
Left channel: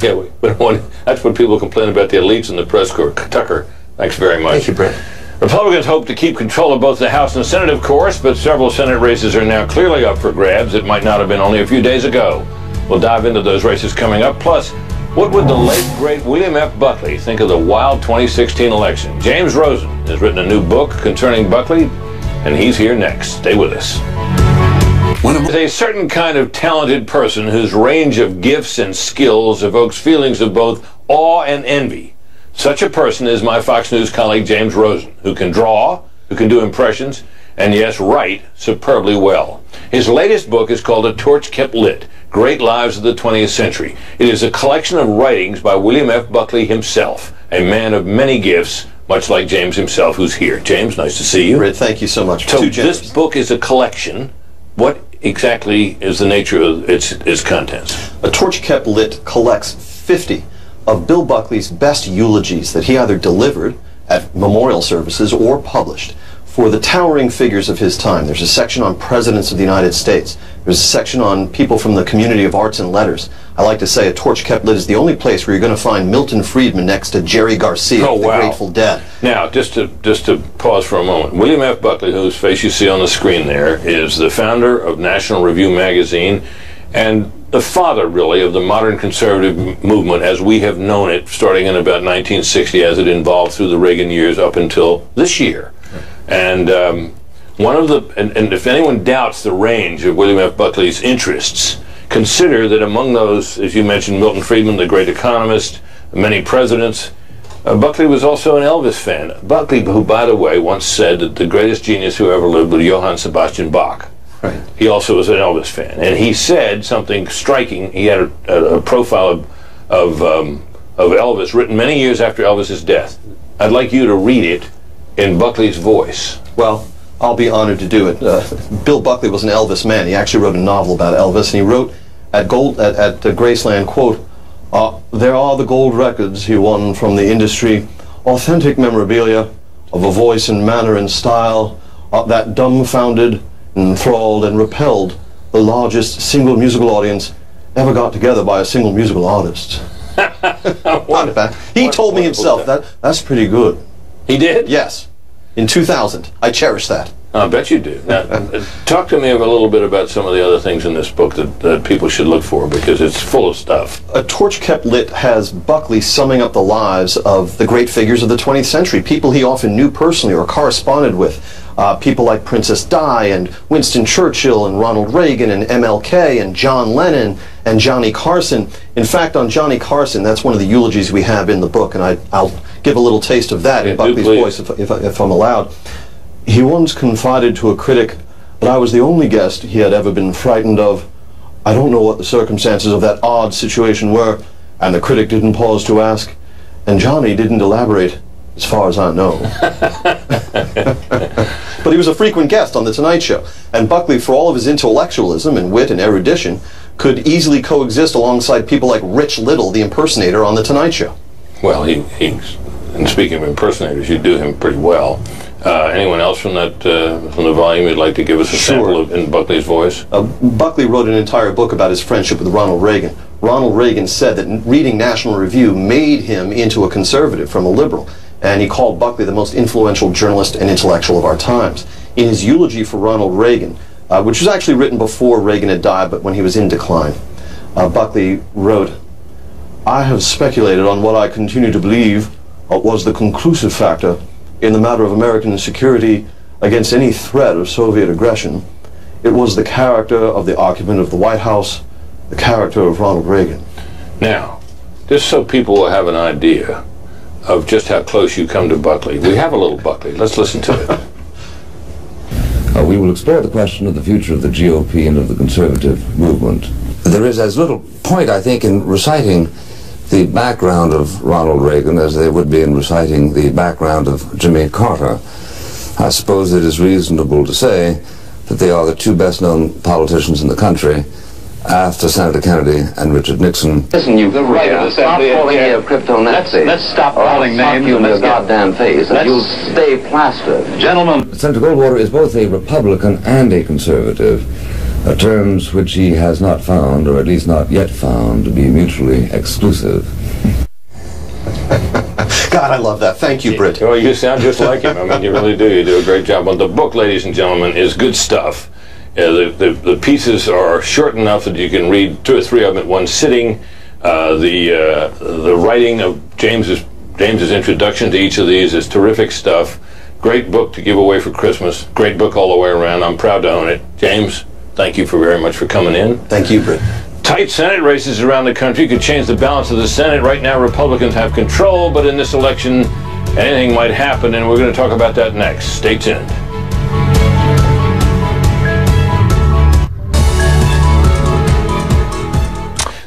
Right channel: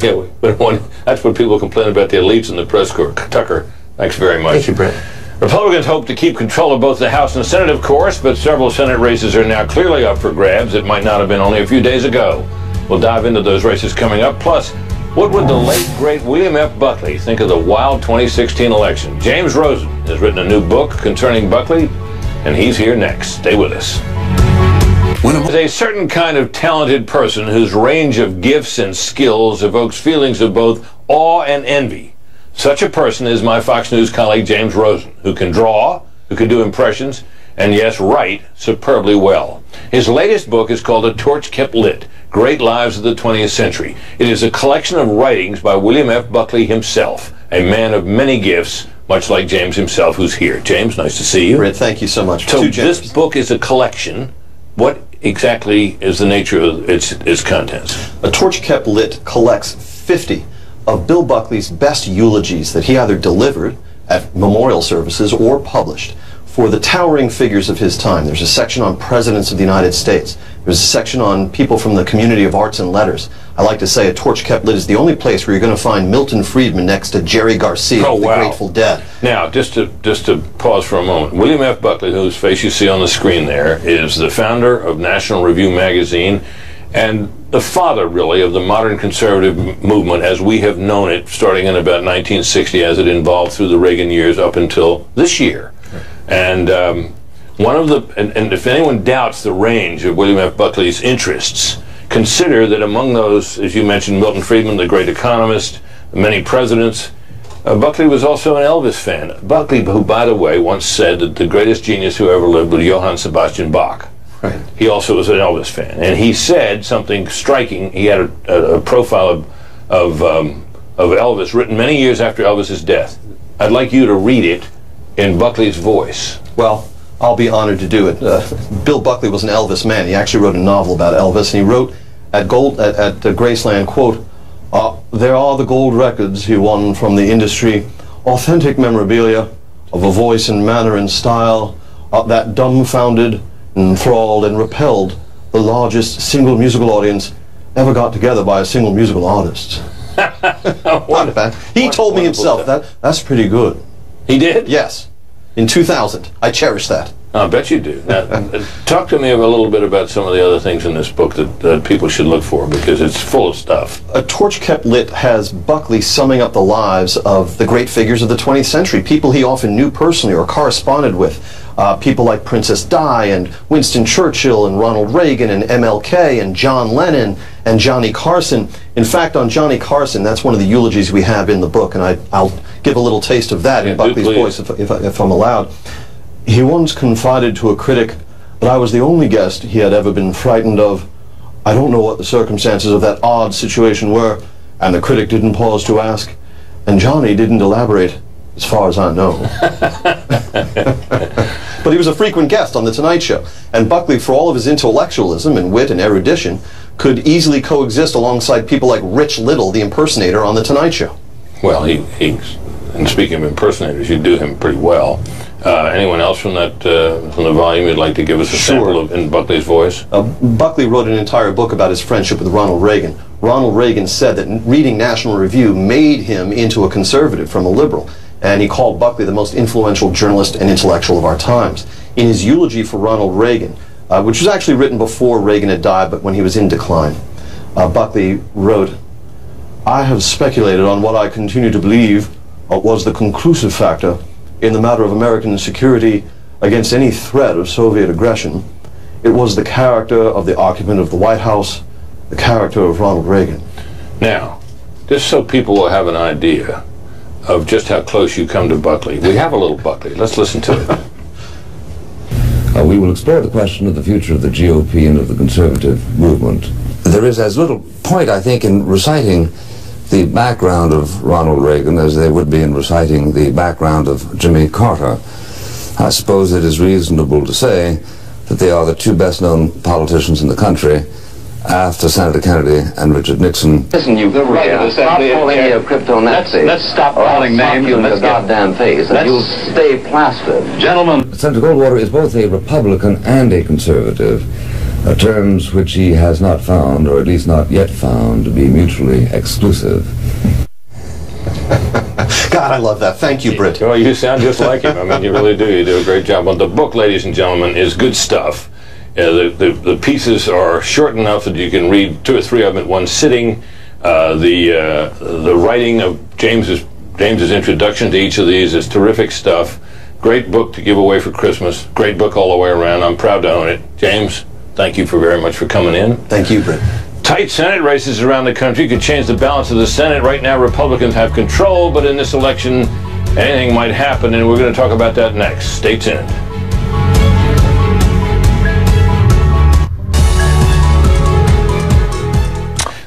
that's what people complain about the elites in the press corps. Tucker, thanks very much. Thank you, Brett. Republicans hope to keep control of both the House and Senate, of course, but several Senate races are now clearly up for grabs. It might not have been only a few days ago. We'll dive into those races coming up. Plus, what would the late, great William F. Buckley think of the wild 2016 election? James Rosen has written a new book concerning Buckley, and he's here next. Stay with us. There's a certain kind of talented person whose range of gifts and skills evokes feelings of both awe and envy. Such a person is my Fox News colleague James Rosen, who can draw, who can do impressions, and yes, write superbly well. His latest book is called A Torch Kept Lit, Great Lives of the 20th Century. It is a collection of writings by William F. Buckley himself, a man of many gifts, much like James himself, who's here. James, nice to see you. Britt, thank you so much. So this book is a collection. What exactly is the nature of its contents? A Torch Kept Lit collects 50 of Bill Buckley's best eulogies that he either delivered at memorial services or published for the towering figures of his time. There's a section on presidents of the United States. There's a section on people from the community of arts and letters. I like to say A Torch Kept Lit is the only place where you're going to find Milton Friedman next to Jerry Garcia of the Grateful Dead. Now, just to pause for a moment, William F. Buckley, whose face you see on the screen there, is the founder of National Review magazine and the father, really, of the modern conservative movement as we have known it, starting in about 1960, as it evolved through the Reagan years up until this year. And and if anyone doubts the range of William F. Buckley's interests, consider that among those, as you mentioned, Milton Friedman, the great economist, many presidents, Buckley was also an Elvis fan. Buckley, who, by the way, once said that the greatest genius who ever lived was Johann Sebastian Bach. Right. He also was an Elvis fan, and he said something striking. He had a profile of Elvis written many years after Elvis's death. I'd like you to read it in Buckley's voice. Well, I'll be honored to do it. Bill Buckley was an Elvis man. He actually wrote a novel about Elvis, and he wrote at Graceland, quote, "There are the gold records he won from the industry, authentic memorabilia of a voice and manner and style that dumbfounded, enthralled, and repelled the largest single musical audience ever got together by a single musical artist." He told me himself that's pretty good. He did? Yes. In 2000. I cherish that. I bet you do. Now, talk to me a little bit about some of the other things in this book that people should look for, because it's full of stuff. A Torch Kept Lit has Buckley summing up the lives of the great figures of the 20th century, people he often knew personally or corresponded with. People like Princess Di and Winston Churchill and Ronald Reagan and MLK and John Lennon and Johnny Carson. In fact, on Johnny Carson, that's one of the eulogies we have in the book, and I'll give a little taste of that in Buckley's voice if I'm allowed. He once confided to a critic that I was the only guest he had ever been frightened of. I don't know what the circumstances of that odd situation were, and the critic didn't pause to ask, and Johnny didn't elaborate, as far as I know. But he was a frequent guest on The Tonight Show, and Buckley, for all of his intellectualism and wit and erudition, could easily coexist alongside people like Rich Little, the impersonator on The Tonight Show. Well, and speaking of impersonators, you do him pretty well. Anyone else from the volume you'd like to give us a sample in Buckley's voice? Buckley wrote an entire book about his friendship with Ronald Reagan. Ronald Reagan said that reading National Review made him into a conservative from a liberal, and he called Buckley the most influential journalist and intellectual of our times. In his eulogy for Ronald Reagan, which was actually written before Reagan had died, but when he was in decline, Buckley wrote, "I have speculated on what I continue to believe was the conclusive factor in the matter of American security against any threat of Soviet aggression. It was the character of the occupant of the White House, the character of Ronald Reagan." Now, just so people will have an idea of just how close you come to Buckley. We have a little Buckley. Let's listen to it. We will explore the question of the future of the GOP and of the conservative movement. There is as little point, I think, in reciting the background of Ronald Reagan as there would be in reciting the background of Jimmy Carter. I suppose it is reasonable to say that they are the two best-known politicians in the country after Senator Kennedy and Richard Nixon. Listen, you stop calling me a crypto-Nazi. Let's stop calling names. You in the goddamn face, and you'll stay plastered. Gentlemen. Senator Goldwater is both a Republican and a conservative, terms which he has not found, or at least not yet found, to be mutually exclusive. God, I love that. Thank you, Britt. Well, you sound just like him. I mean, you really do. You do a great job. But the book, ladies and gentlemen, is good stuff. The pieces are short enough that you can read 2 or 3 of them at one sitting. The writing of James's introduction to each of these is terrific stuff. Great book to give away for Christmas. Great book all the way around. I'm proud to own it. James, thank you very much for coming in. Thank you, Britt. Tight Senate races around the country could change the balance of the Senate. Right now, Republicans have control, but in this election, anything might happen, and we're going to talk about that next. Stay tuned.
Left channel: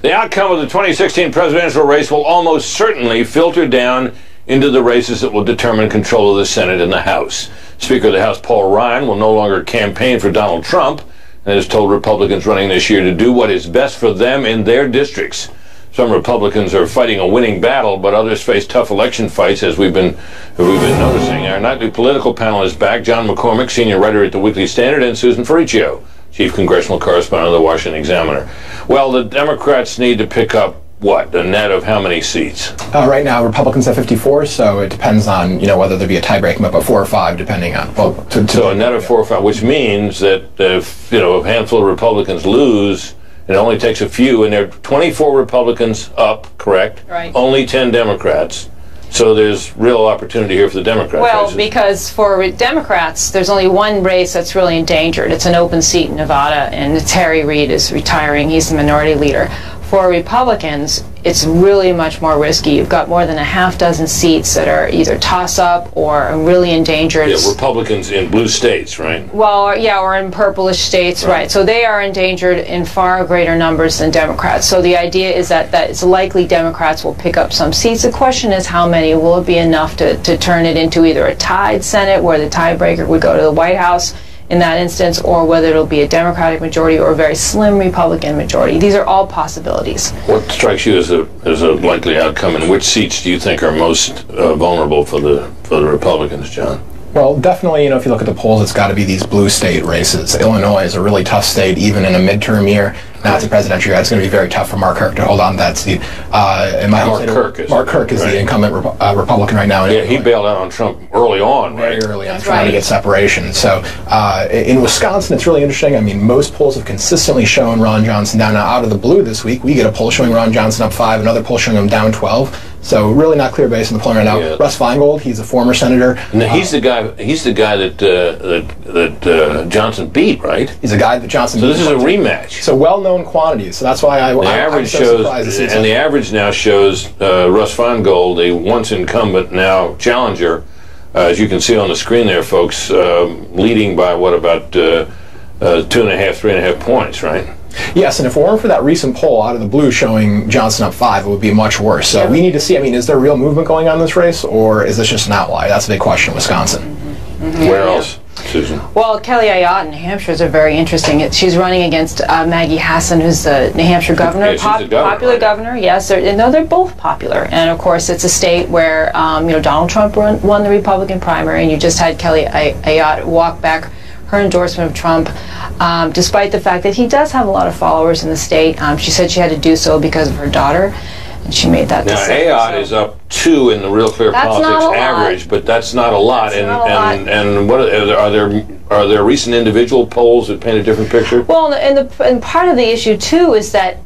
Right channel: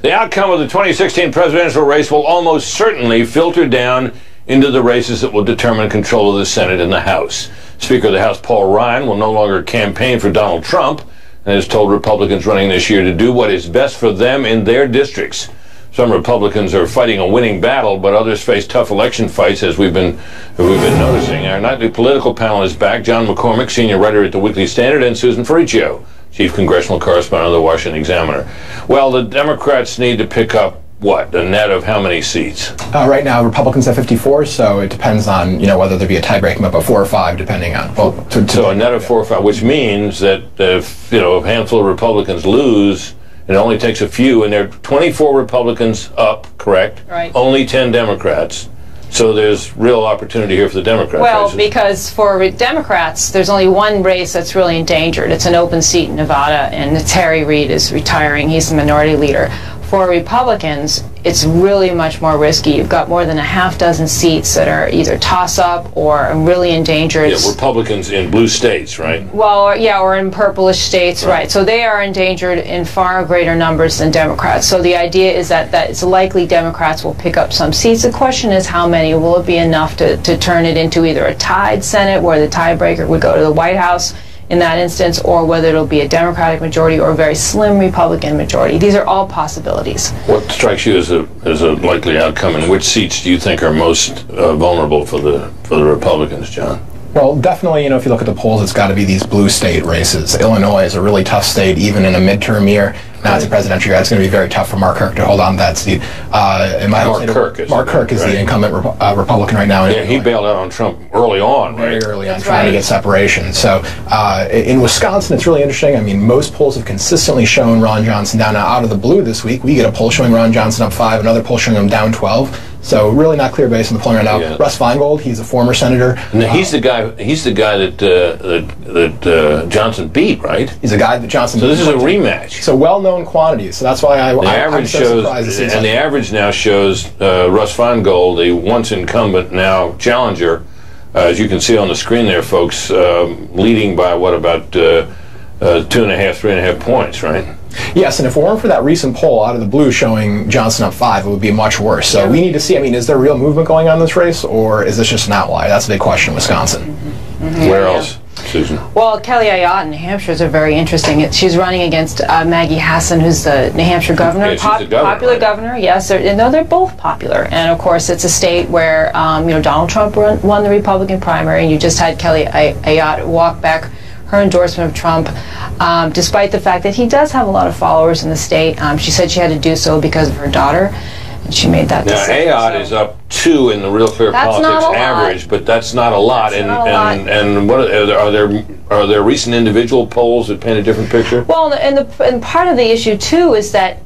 The outcome of the 2016 presidential race will almost certainly filter down into the races that will determine control of the Senate and the House. Speaker of the House Paul Ryan will no longer campaign for Donald Trump and has told Republicans running this year to do what is best for them in their districts. Some Republicans are fighting a winning battle, but others face tough election fights, as we've been noticing. Our nightly political panel is back. John McCormick, senior writer at the Weekly Standard, and Susan Ferricchio, chief congressional correspondent of the Washington Examiner. Well, the Democrats need to pick up, what, a net of how many seats? Right now, Republicans have 54, so it depends on, whether there be a tie-breaking up of 4 or 5, depending on... Well, so a net of 4 or 5, which means that if, a handful of Republicans lose, it only takes a few, and there are 24 Republicans up, correct? Right. Only 10 Democrats. So there's real opportunity here for the Democrats. Well, races. because for Democrats, there's only one race that's really endangered. It's an open seat in Nevada, and Terry Reid is retiring. He's the minority leader. For Republicans, it's really much more risky. You've got more than a half dozen seats that are either toss-up or really endangered. Yeah, Republicans in blue states, right? Well, yeah, or in purplish states, right. So they are endangered in far greater numbers than Democrats. So the idea is that it's likely Democrats will pick up some seats. The question is how many. Will it be enough to turn it into either a tied Senate, where the tiebreaker would go to the White House in that instance, or whether it'll be a Democratic majority or a very slim Republican majority. These are all possibilities. What strikes you as a likely outcome, and which seats do you think are most vulnerable for the Republicans, John? Well, definitely, if you look at the polls, it's got to be these blue state races. Illinois is a really tough state, even in a midterm year. Now it's a presidential year. It's going to be very tough for Mark Kirk to hold on to that seat. Mark Kirk is the incumbent Republican right now. Yeah, he bailed out on Trump early on, right? Very early on, trying to get separation. So in Wisconsin, it's really interesting. I mean, most polls have consistently shown Ron Johnson down. Now, out of the blue this week, we get a poll showing Ron Johnson up 5, another poll showing him down 12. So really not clear based on the polling right now. Yeah. Russ Feingold, he's a former senator. And he's the guy. He's the guy that Johnson beat, right? He's a guy that Johnson. So beat. this is a rematch. So well-known quantities. So that's why I'm so surprised. And the average now shows Russ Feingold, the once incumbent, now challenger, as you can see on the screen there, folks, leading by what, about 2.5, 3.5 points, right? Yes, and if it weren't for that recent poll out of the blue showing Johnson up 5, it would be much worse. So we need to see, is there real movement going on in this race, or is this just an outlier? That's a big question in Wisconsin. Where else, Susan? Well, Kelly Ayotte in New Hampshire is very interesting. She's running against Maggie Hassan, who's the New Hampshire governor. Yeah, popular governor, yes. They're both popular. And, of course, it's a state where, Donald Trump won the Republican primary, and you just had Kelly Ayotte walk back her endorsement of Trump, despite the fact that he does have a lot of followers in the state. She said she had to do so because of her daughter, and she made that decision. Now, Ayotte is up 2 in the Real Clear Politics average, but that's not a lot. And what are there recent individual polls that paint a different picture? Well, and part of the issue too is that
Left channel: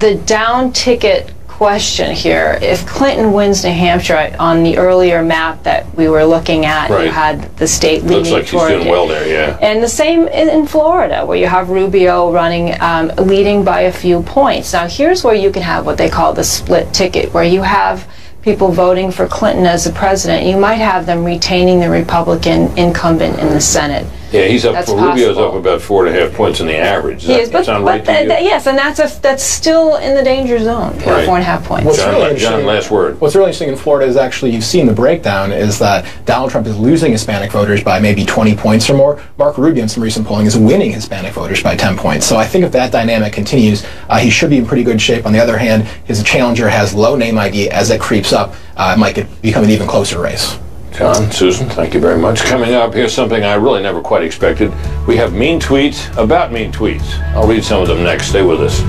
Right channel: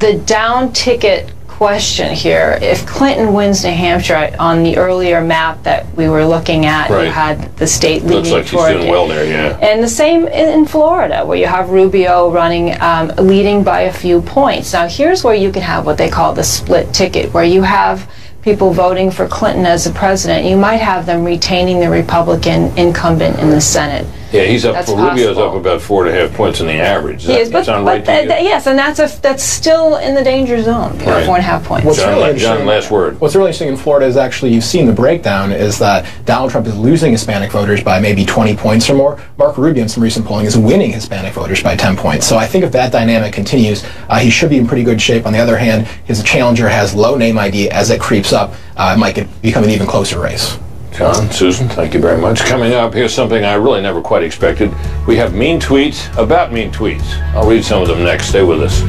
the down ticket question here. If Clinton wins New Hampshire, on the earlier map that we were looking at, you had the state leaning looks like she's toward doing well there, yeah. And the same in Florida, where you have Rubio running, leading by a few points. Now, here's where you can have what they call the split ticket, where you have people voting for Clinton as the president. You might have them retaining the Republican incumbent in the Senate. Yeah, he's up. That's Rubio's possible. up about 4.5 points in the average. Does Yes, that sound right to you? yes, and that's still in the danger zone. Right. 4.5 points. What's really interesting, John, last word. What's really interesting in Florida is actually you've seen the breakdown is that Donald Trump is losing Hispanic voters by maybe 20 points or more. Marco Rubio in some recent polling is winning Hispanic voters by 10 points. So I think if that dynamic continues, he should be in pretty good shape. On the other hand, his challenger has low name ID. As it creeps up, it might become an even closer race. John, Susan, thank you very much. Coming up, here's something I really never quite expected. We have mean tweets about mean tweets. I'll read some of them next. Stay with us.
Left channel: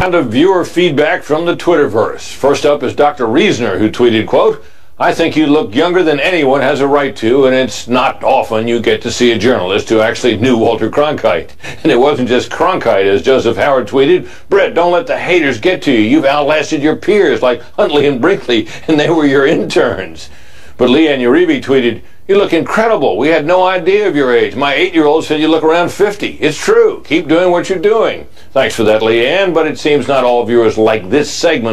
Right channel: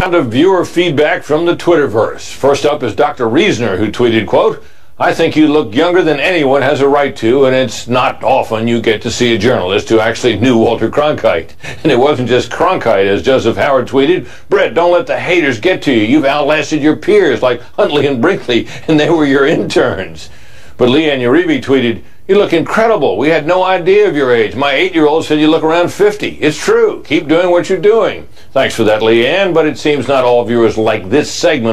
Round of viewer feedback from the Twitterverse. First up is Dr. Reasoner, who tweeted, quote, "I think you look younger than anyone has a right to, and it's not often you get to see a journalist who actually knew Walter Cronkite." And it wasn't just Cronkite, as Joseph Howard tweeted, "Brett, don't let the haters get to you. You've outlasted your peers like Huntley and Brinkley, and they were your interns." But Leanne Uribe tweeted, "You look incredible. We had no idea of your age. My 8-year-old said you look around 50. It's true. Keep doing what you're doing." Thanks for that, Leanne, but it seems not all viewers like this segment